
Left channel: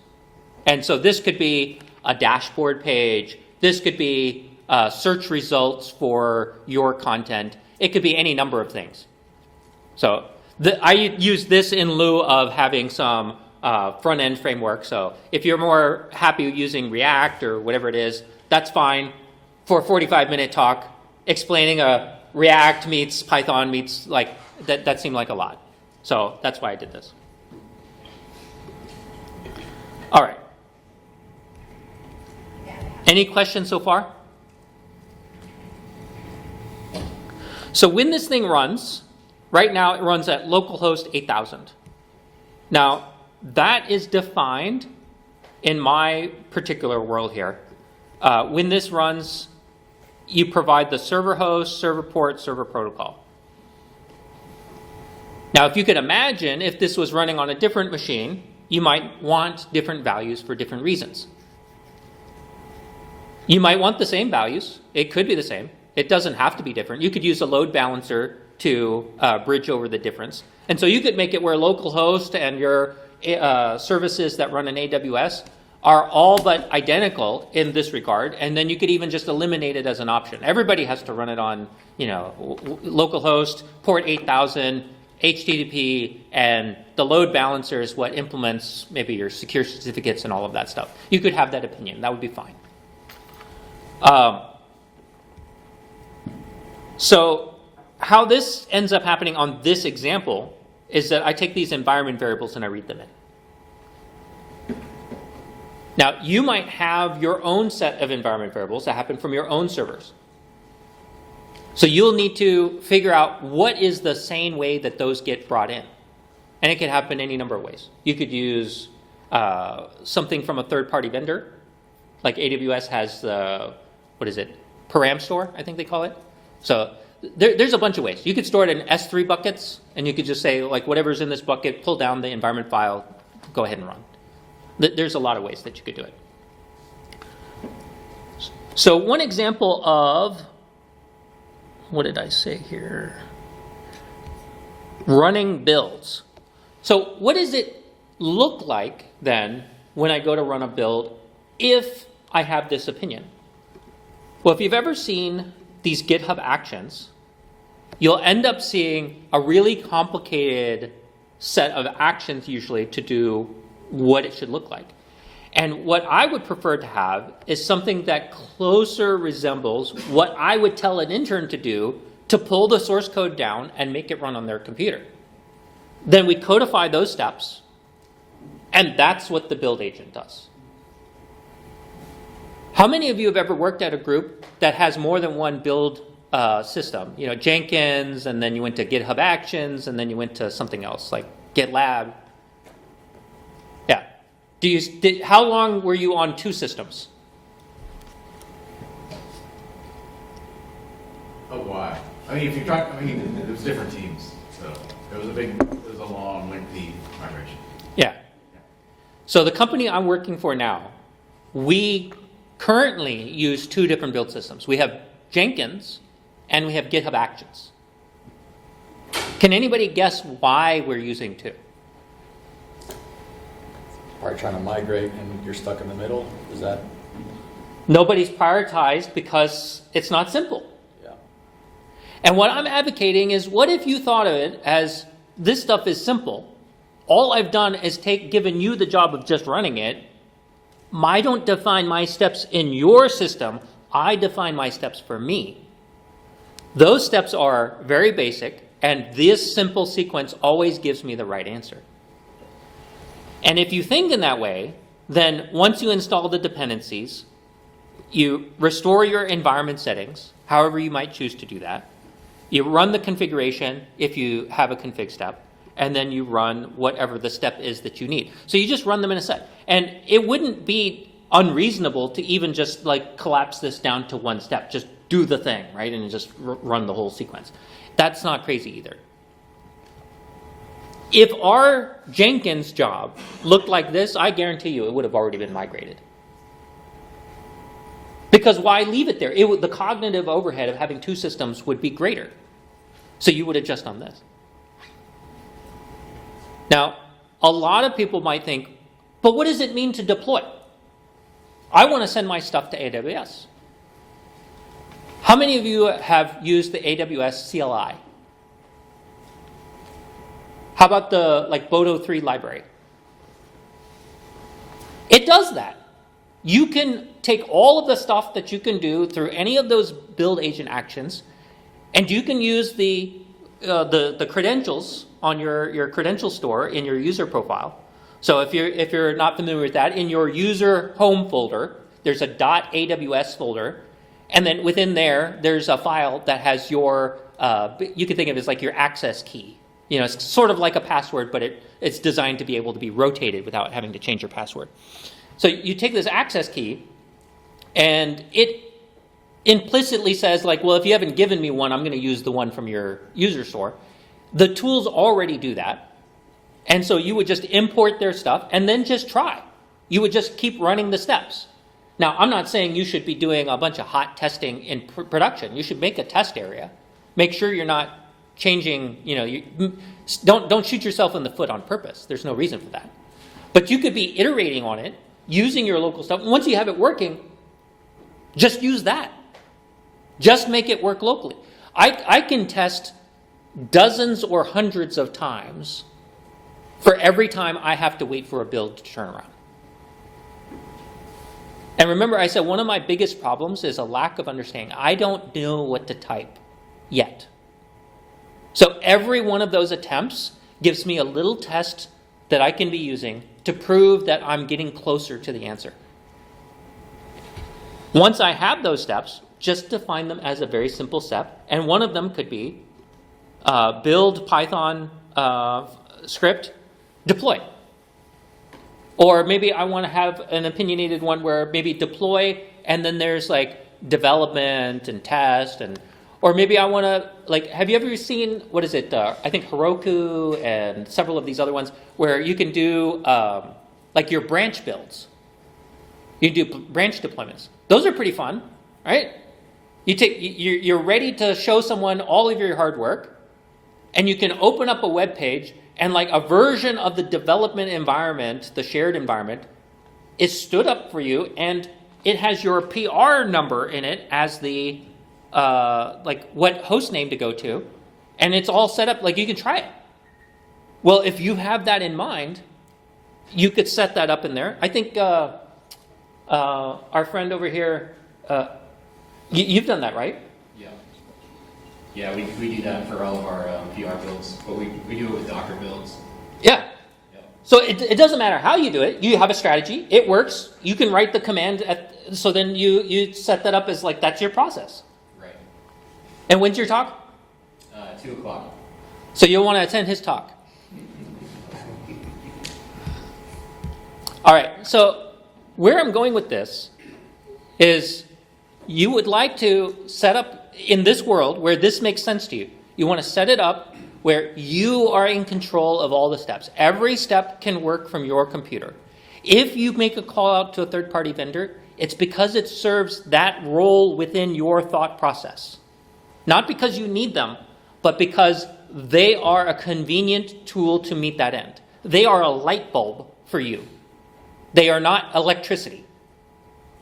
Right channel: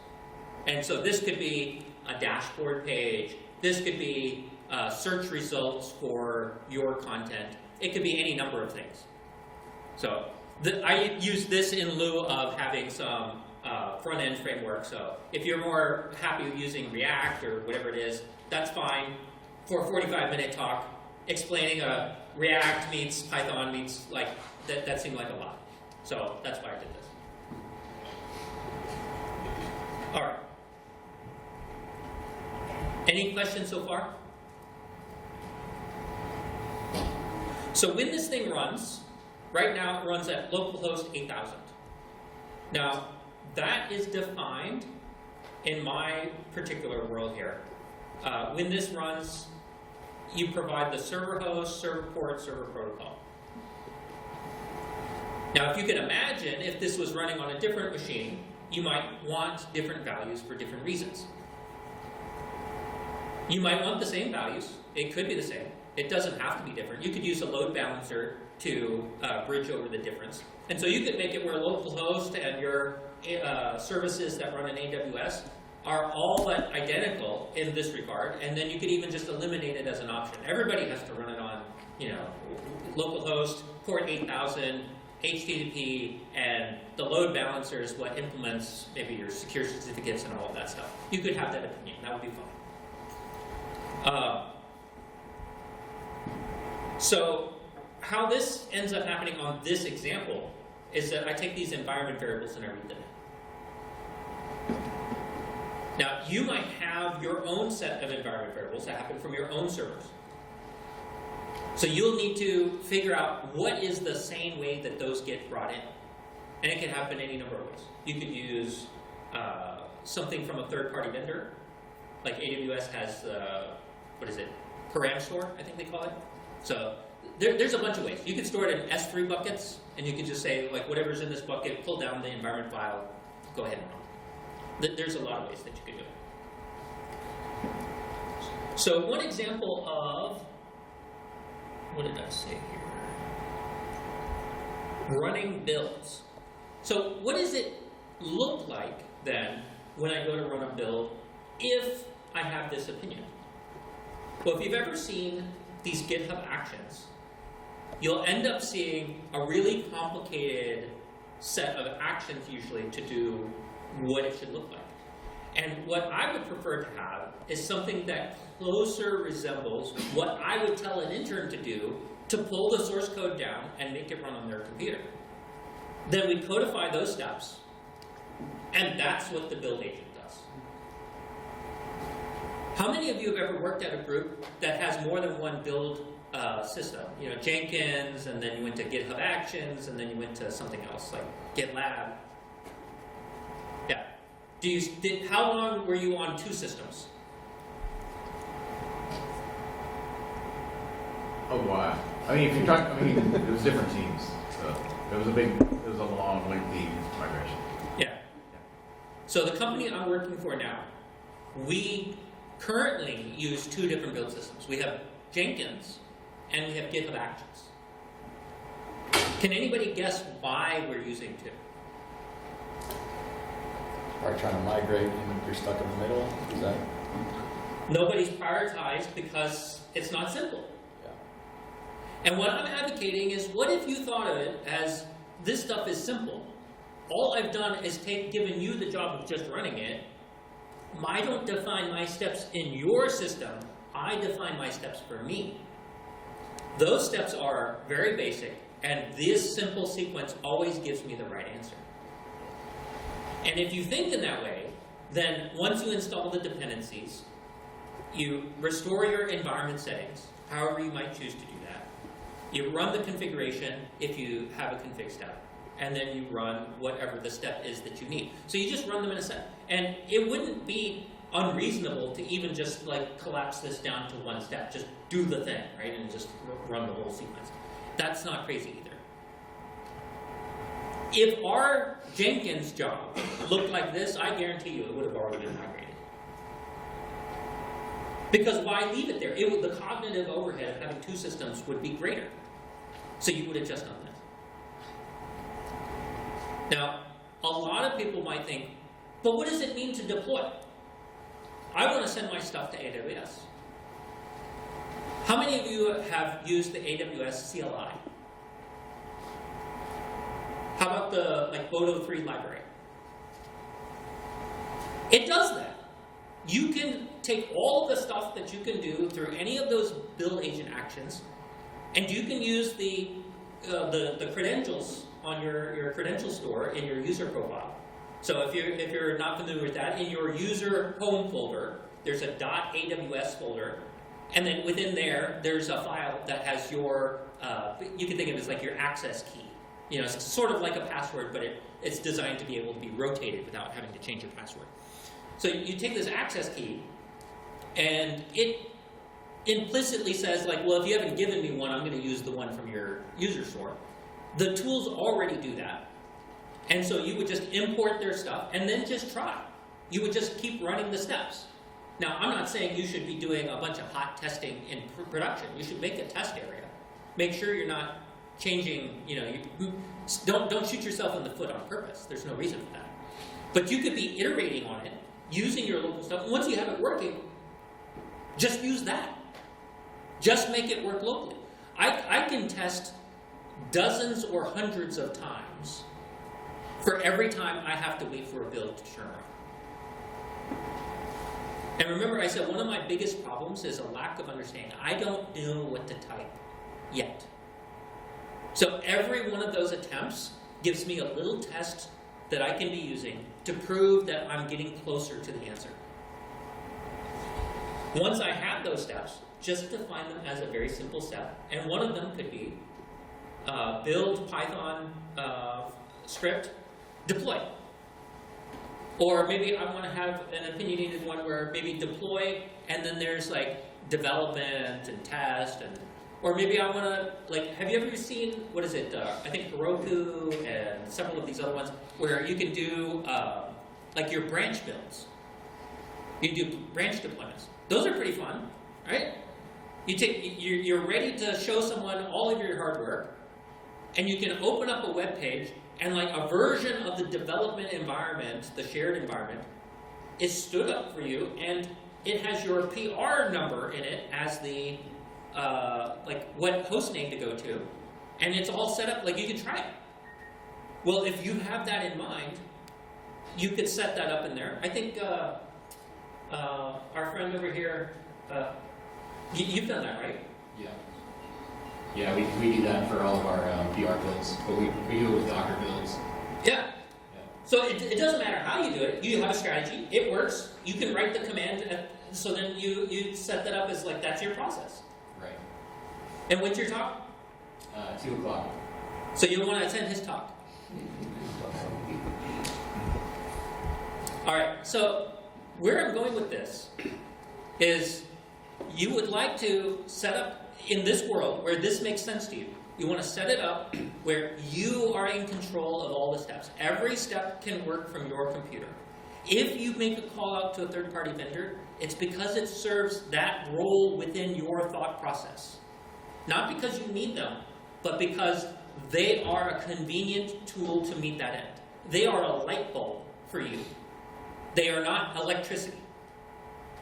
And so this could be a dashboard page. This could be search results for your content. It could be any number of things. So I use this in lieu of having some front-end framework. So if you're more happy using React or whatever it is, that's fine. For a 45-minute talk, explaining a React meets Python meets, like, that seemed like a lot. So that's why I did this. All right. Any questions so far? So when this thing runs, right now it runs at localhost 8000. Now, that is defined in my particular world here. When this runs, you provide the server host, server port, server protocol. Now, if you could imagine if this was running on a different machine, you might want different values for different reasons. You might want the same values. It could be the same. It doesn't have to be different. You could use a load balancer to bridge over the difference. And so you could make it where localhost and your services that run in AWS are all but identical in this regard, and then you could even just eliminate it as an option. Everybody has to run it on, localhost, port 8000, HTTP, and the load balancer is what implements maybe your secure certificates and all of that stuff. You could have that opinion. That would be fine. So how this ends up happening on this example is that I take these environment variables and I read them in. Now, you might have your own set of environment variables that happen from your own servers. So you'll need to figure out what is the sane way that those get brought in. And it can happen any number of ways. You could use something from a third-party vendor. Like AWS has the, param store, I think they call it. So there's a bunch of ways. You could store it in S3 buckets, and you could just say, like, whatever's in this bucket, pull down the environment file, go ahead and run. There's a lot of ways that you could do it. So one example of, what did I say here? Running builds. So what does it look like then when I go to run a build if I have this opinion? Well, if you've ever seen these GitHub actions, you'll end up seeing a really complicated set of actions usually to do what it should look like. And what I would prefer to have is something that closer resembles what I would tell an intern to do to pull the source code down and make it run on their computer. Then we codify those steps, and that's what the build agent does. How many of you have ever worked at a group that has more than one build system? You know, Jenkins, and then you went to GitHub Actions, and then you went to something else like GitLab. Yeah. How long were you on two systems? Oh, wow. I mean, if you try, I mean, it was different teams, so it was a long, lengthy migration. Yeah. So the company I'm working for now, we currently use two different build systems. We have Jenkins and we have GitHub Actions. Can anybody guess why we're using two? Are you trying to migrate and you're stuck in the middle? Is that? Nobody's prioritized because it's not simple. Yeah. And what I'm advocating is, what if you thought of it as this stuff is simple? All I've done is given you the job of just running it. I don't define my steps in your system. I define my steps for me. Those steps are very basic, and this simple sequence always gives me the right answer. And if you think in that way, then once you install the dependencies, you restore your environment settings, however you might choose to do that. You run the configuration if you have a config step, and then you run whatever the step is that you need. So you just run them in a set. And it wouldn't be unreasonable to even just like collapse this down to one step. Just do the thing, right? And just run the whole sequence. That's not crazy either. If our Jenkins job looked like this, I guarantee you it would have already been migrated. Because why leave it there? The cognitive overhead of having two systems would be greater. So you would have just done this. Now, a lot of people might think, but what does it mean to deploy? I want to send my stuff to AWS. How many of you have used the AWS CLI? How about the Boto 3 library? It does that. You can take all of the stuff that you can do through any of those build agent actions, and you can use the credentials on your credential store in your user profile. So if you're not familiar with that, in your user home folder, there's a .aws folder, and then within there's a file that has your you can think of it as like your access key. You know, it's sort of like a password, but it's designed to be able to be rotated without having to change your password. So you take this access key, and it implicitly says, like, well, if you haven't given me one, I'm going to use the one from your user store. The tools already do that. And so you would just import their stuff and then just try. You would just keep running the steps. Now, I'm not saying you should be doing a bunch of hot testing in production. You should make a test area. Make sure you're not changing, don't shoot yourself in the foot on purpose. There's no reason for that. But you could be iterating on it, using your local stuff. Once you have it working, just use that. Just make it work locally. I can test dozens or hundreds of times for every time I have to wait for a build to turn around. And remember, I said one of my biggest problems is a lack of understanding. I don't know what to type yet. So every one of those attempts gives me a little test that I can be using to prove that I'm getting closer to the answer. Once I have those steps, just define them as a very simple step. And one of them could be build Python script, deploy. Or maybe I want to have an opinionated one where maybe deploy, and then there's like development and test, or maybe I want to, have you ever seen, what is it, I think Heroku and several of these other ones, where you can do your branch builds. You can do branch deployments. Those are pretty fun, right? You're ready to show someone all of your hard work, and you can open up a web page, and like a version of the development environment, the shared environment, is stood up for you, and it has your PR number in it as the like what host name to go to, and it's all set up like you can try it. Well, if you have that in mind, you could set that up in there. I think our friend over here, you've done that, right? Yeah. Yeah, we do that for all of our PR builds, but we do it with Docker builds. Yeah. Yeah. So it doesn't matter how you do it. You have a strategy. It works. You can write the command. So then you set that up as like that's your process. Right. And when's your talk? 2 o'clock. So you'll want to attend his talk. All right. So where I'm going with this is you would like to set up in this world where this makes sense to you. You want to set it up where you are in control of all the steps. Every step can work from your computer. If you make a call out to a third-party vendor, it's because it serves that role within your thought process. Not because you need them, but because they are a convenient tool to meet that end. They are a light bulb for you. They are not electricity.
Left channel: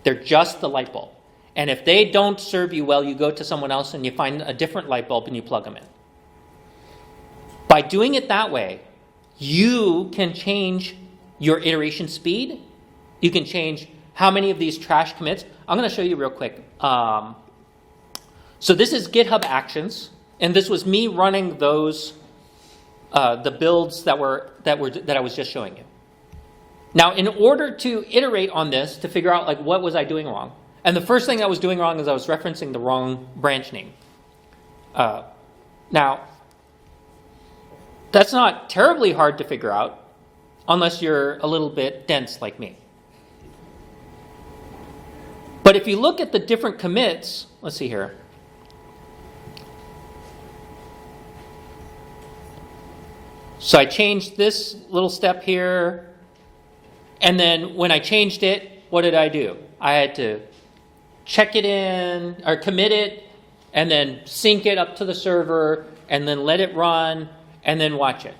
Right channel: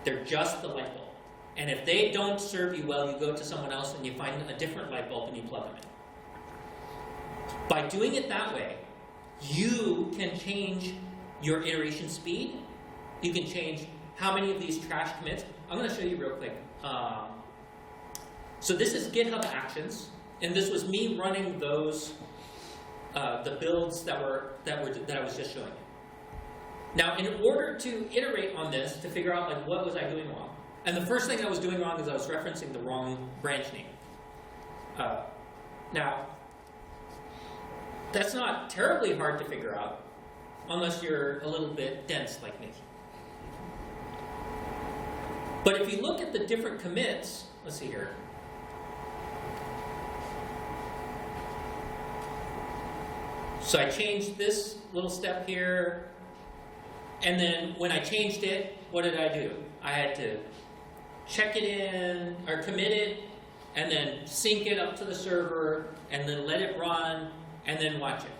They're just the light bulb. And if they don't serve you well, you go to someone else and you find a different light bulb and you plug them in. By doing it that way, you can change your iteration speed. You can change how many of these trash commits. I'm going to show you real quick. So this is GitHub Actions, and this was me running those the builds that I was just showing you. Now, in order to iterate on this to figure out like what was I doing wrong, and the first thing I was doing wrong is I was referencing the wrong branch name. Now, that's not terribly hard to figure out unless you're a little bit dense like me. But if you look at the different commits, let's see here. So I changed this little step here, and then when I changed it, what did I do? I had to check it in, or commit it, and then sync it up to the server, and then let it run, and then watch it.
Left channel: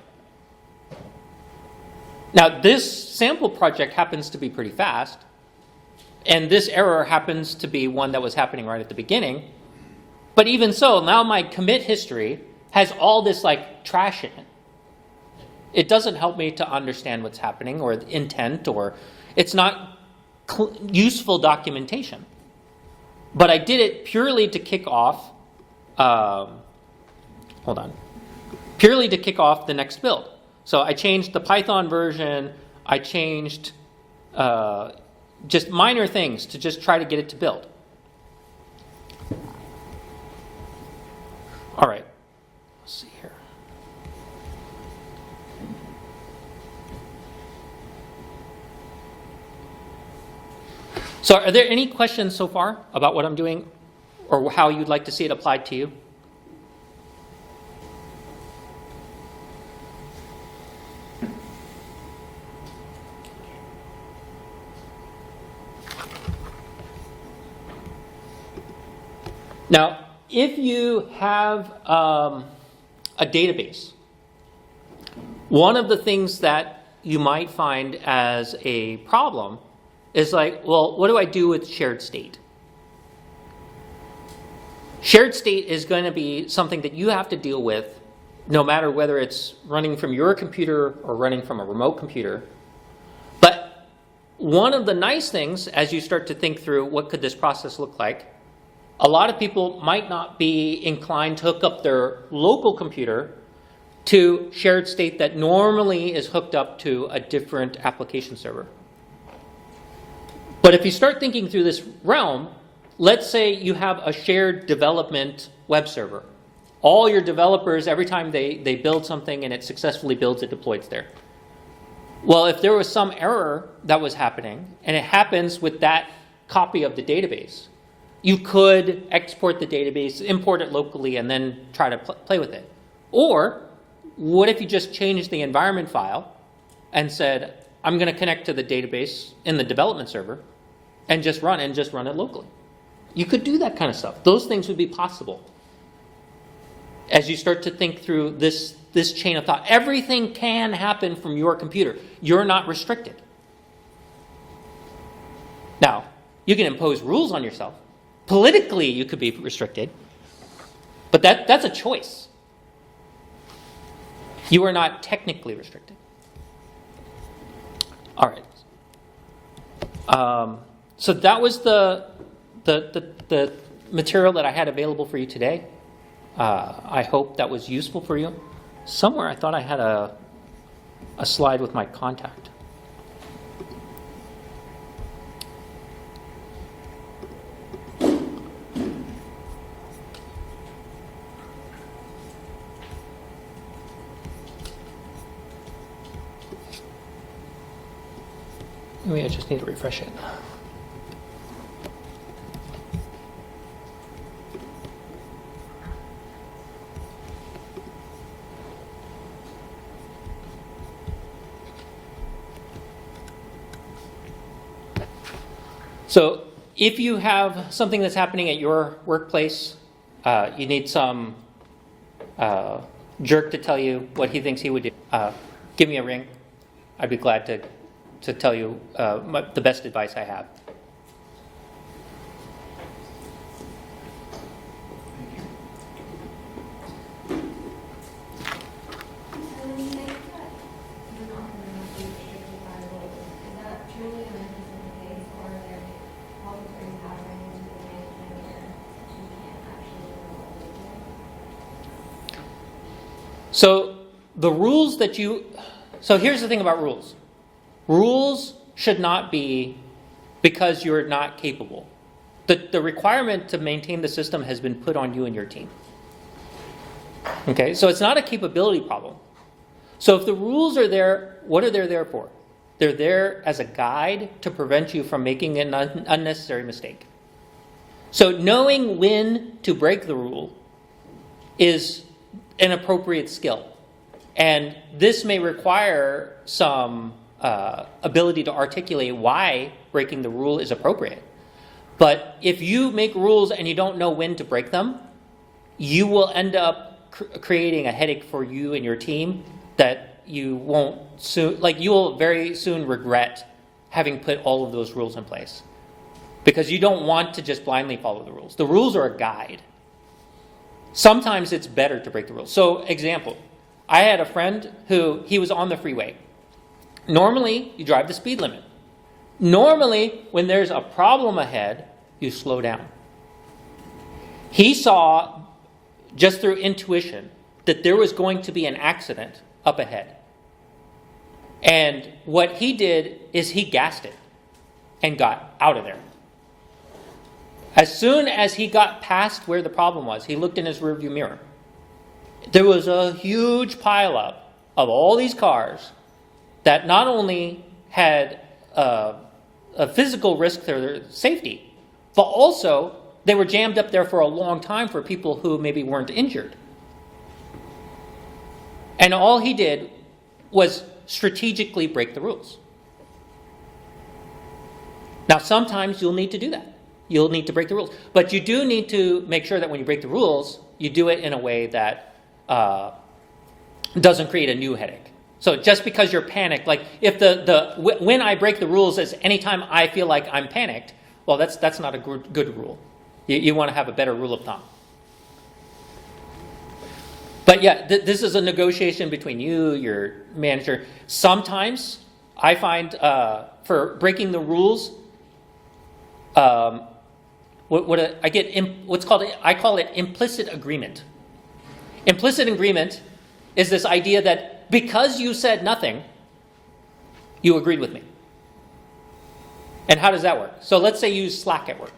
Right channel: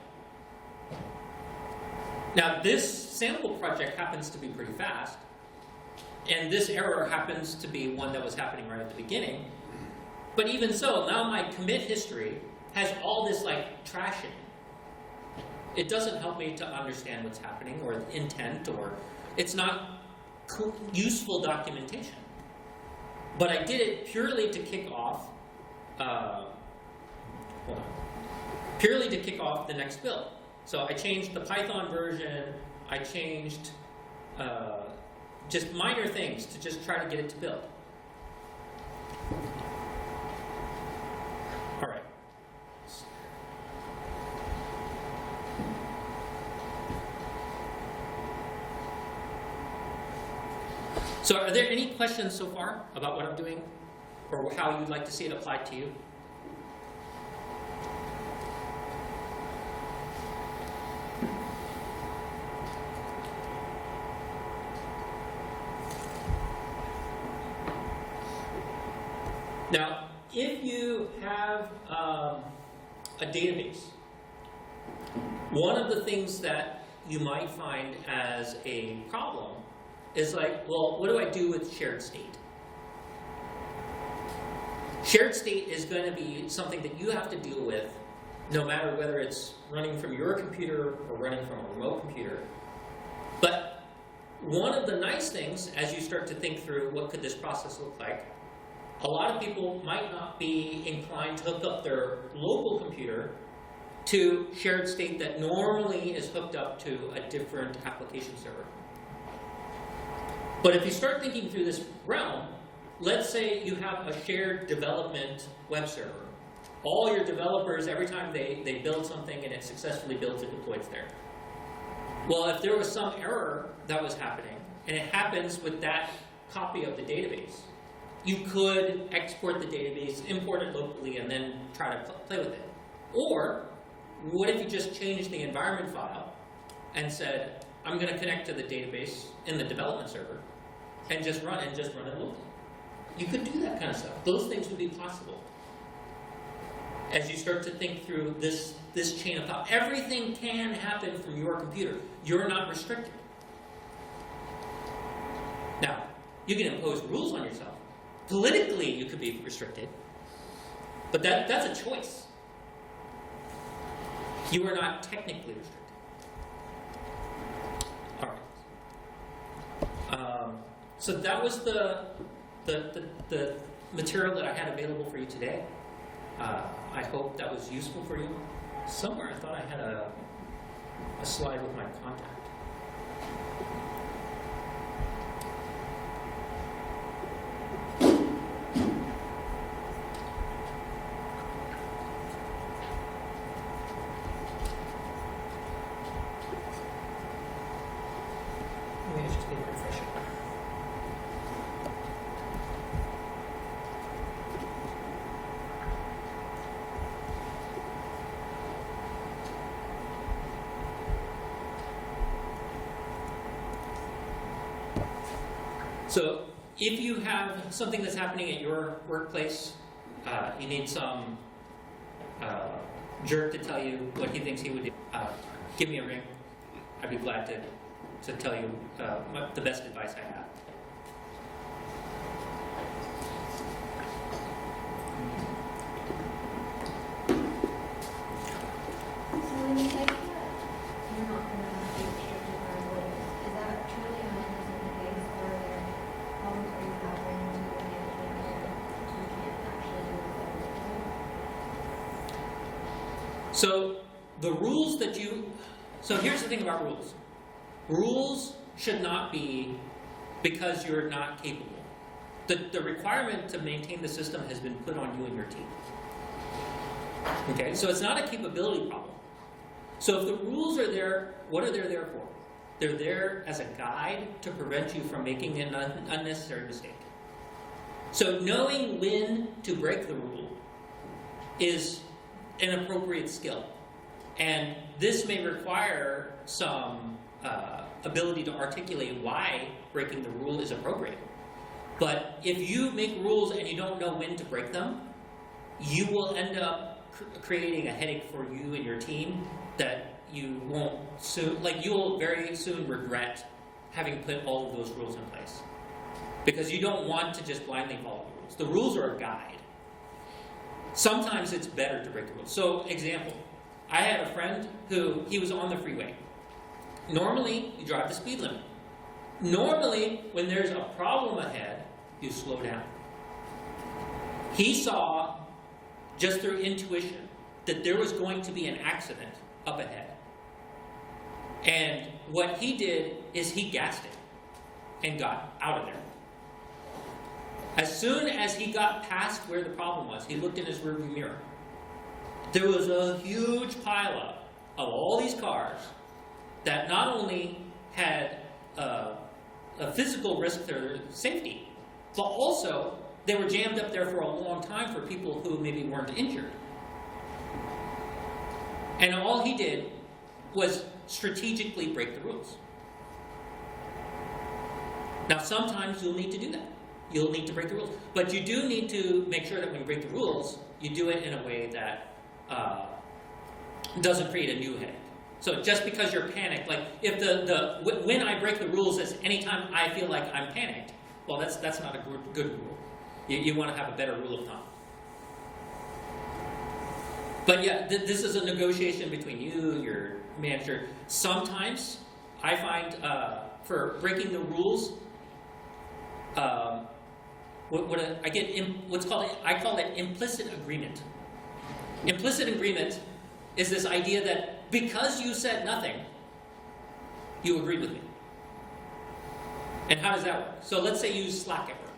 Now, this sample project happens to be pretty fast, and this error happens to be one that was happening right at the beginning. But even so, now my commit history has all this like trash in it. It doesn't help me to understand what's happening or the intent, or it's not useful documentation. But I did it purely to kick off, purely to kick off the next build. So I changed the Python version, I changed just minor things to just try to get it to build. All right. Let's see here. So are there any questions so far about what I'm doing or how you'd like to see it applied to you? Now, if you have a database, one of the things that you might find as a problem is like, well, what do I do with shared state? Shared state is going to be something that you have to deal with no matter whether it's running from your computer or running from a remote computer. But one of the nice things as you start to think through what could this process look like, a lot of people might not be inclined to hook up their local computer to shared state that normally is hooked up to a different application server. But if you start thinking through this realm, let's say you have a shared development web server. All your developers, every time they build something and it successfully builds, it deploys there. Well, if there was some error that was happening, and it happens with that copy of the database, you could export the database, import it locally, and then try to play with it. Or what if you just changed the environment file and said, I'm going to connect to the database in the development server and just run it locally? You could do that kind of stuff. Those things would be possible. As you start to think through this chain of thought, everything can happen from your computer. You're not restricted. Now, you can impose rules on yourself. Politically, you could be restricted, but that's a choice. You are not technically restricted. All right. So that was the material that I had available for you today. I hope that was useful for you. Somewhere I thought I had a slide with my contact. Maybe I just need to refresh it. So if you have something that's happening at your workplace, you need some jerk to tell you what he thinks he would do, give me a ring. I'd be glad to tell you the best advice I have. When you say that you're not going to have to be restricted by rules, is that truly 100% the case, or are there problems where you have run into the management where you can't actually do what you're doing? So the rules that so here's the thing about rules. Rules should not be because you're not capable. The requirement to maintain the system has been put on you and your team. Okay, so it's not a capability problem. So if the rules are there, what are they there for? They're there as a guide to prevent you from making an unnecessary mistake. So knowing when to break the rule is an appropriate skill. And this may require some ability to articulate why breaking the rule is appropriate. But if you make rules and you don't know when to break them, you will end up creating a headache for you and your team that you won't soon, you will very soon regret having put all of those rules in place. Because you don't want to just blindly follow the rules. The rules are a guide. Sometimes it's better to break the rules. So, example, I had a friend who, he was on the freeway. Normally, you drive the speed limit. Normally, when there's a problem ahead, you slow down. He saw, just through intuition, that there was going to be an accident up ahead. And what he did is he gassed it and got out of there. As soon as he got past where the problem was, he looked in his rearview mirror. There was a huge pileup of all these cars that not only had a physical risk to their safety, but also they were jammed up there for a long time for people who maybe weren't injured. And all he did was strategically break the rules. Now, sometimes you'll need to do that. You'll need to break the rules. But you do need to make sure that when you break the rules, you do it in a way that doesn't create a new headache. So just because you're panicked, like if when I break the rules is anytime I feel like I'm panicked, well, that's not a good rule. You want to have a better rule of thumb. But yeah, this is a negotiation between you, your manager. Sometimes I find for breaking the rules, I call it implicit agreement. Implicit agreement is this idea that because you said nothing, you agreed with me. And how does that work? So let's say you use Slack at work.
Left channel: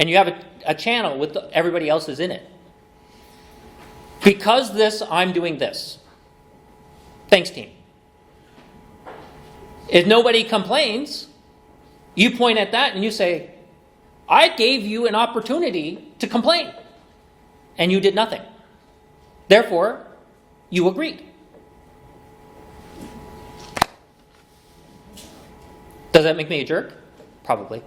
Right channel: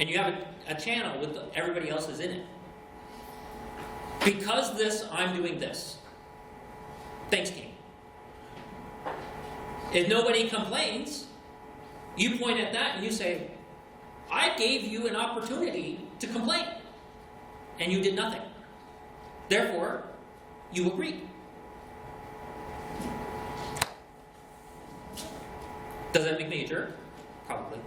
And you have a channel with everybody else's in it. Because this, I'm doing this. Thanks, team. If nobody complains, you point at that and you say, I gave you an opportunity to complain. And you did nothing. Therefore, you agreed. Does that make me a jerk? Probably.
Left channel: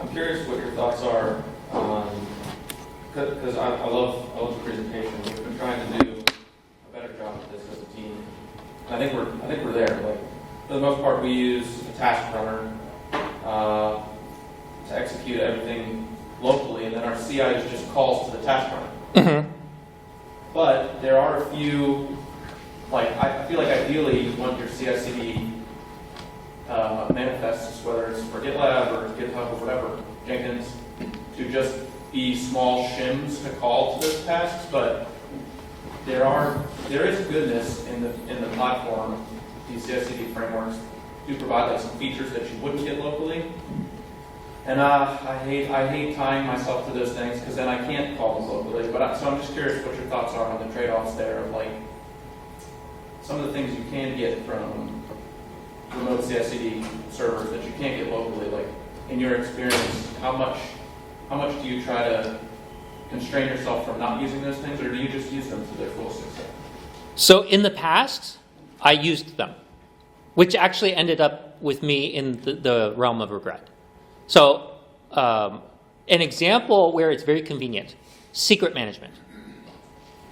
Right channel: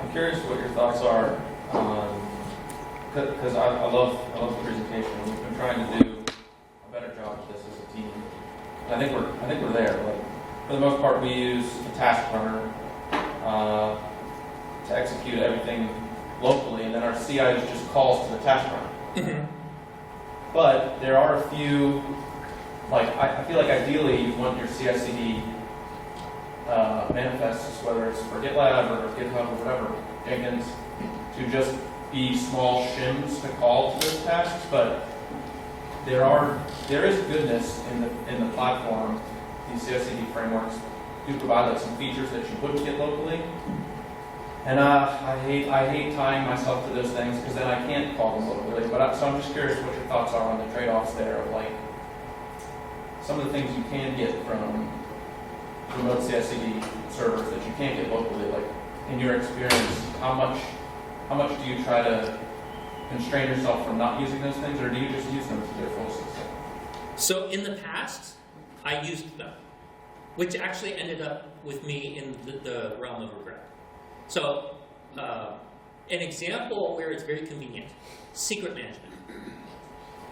I'm curious what your thoughts are on, because I love the presentation. We've been trying to do a better I think we're there. Like, for the most part, we use a task runner to execute everything locally, and then our CI just calls to the task runner. But there are a few, like, I feel like ideally you want your CI/CD manifests, whether it's for GitLab or GitHub or whatever, Jenkins, to just be small shims to call to those tasks. But there is goodness in the platform. These CI/CD frameworks do provide like some features that you wouldn't get locally. And I hate tying myself to those things because then I can't call them locally. So I'm just curious what your thoughts are on the trade-offs there of like some of the things you can get from remote CI/CD servers that you can't get locally. Like in your experience, how much do you try to constrain yourself from not using those things, or do you just use them to their full extent? So in the past, I used them, which actually ended up with me in the realm of regret. So an example where it's very convenient, secret management.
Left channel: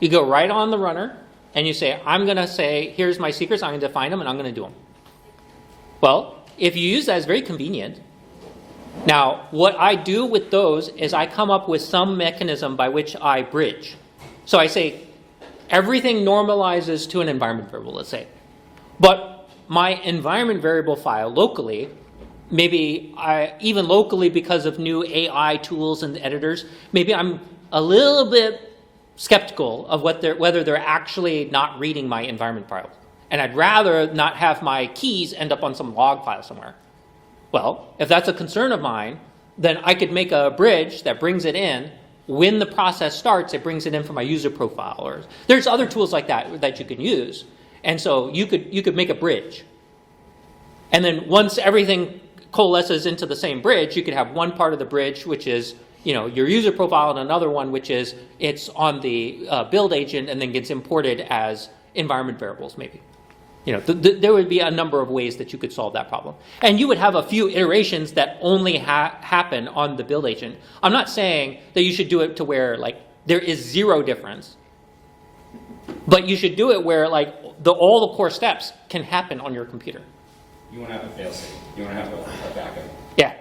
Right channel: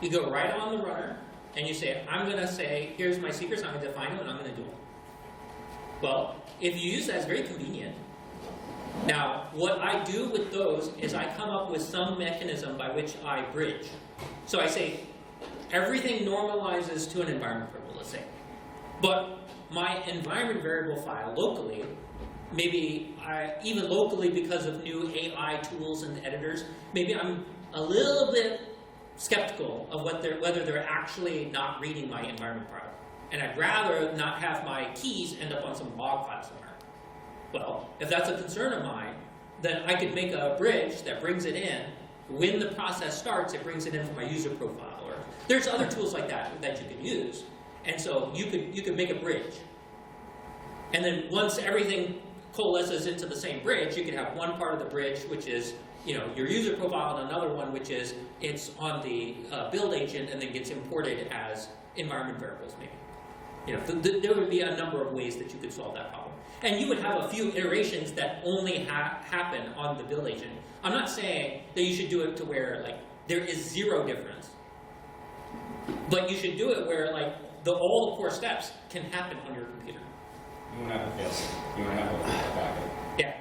You go right on the runner and you say, I'm going to say, here's my secrets, I'm going to define them, and I'm going to do them. Well, if you use that, it's very convenient. Now, what I do with those is I come up with some mechanism by which I bridge. So I say, everything normalizes to an environment variable, let's say. But my environment variable file locally, maybe even locally because of new AI tools and editors, maybe I'm a little bit skeptical of whether they're actually not reading my environment file. And I'd rather not have my keys end up on some log file somewhere. Well, if that's a concern of mine, then I could make a bridge that brings it in. When the process starts, it brings it in from my user profile. Or there's other tools like that you can use. And so you could make a bridge. And then once everything coalesces into the same bridge, you could have one part of the bridge, which is your user profile, and another one, which is it's on the build agent and then gets imported as environment variables, maybe. There would be a number of ways that you could solve that problem. And you would have a few iterations that only happen on the build agent. I'm not saying that you should do it to where like there is zero difference, but you should do it where like all the core steps can happen on your computer. You want to have a fail-safe. You want to have a backup. Yeah.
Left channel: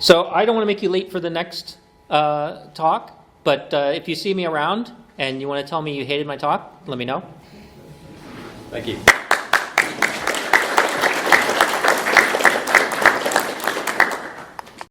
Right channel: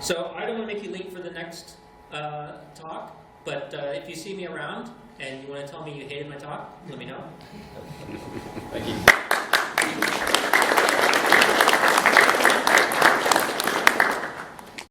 So I don't want to make you late for the next talk, but if you see me around and you want to tell me you hated my talk, let me know. Thank you.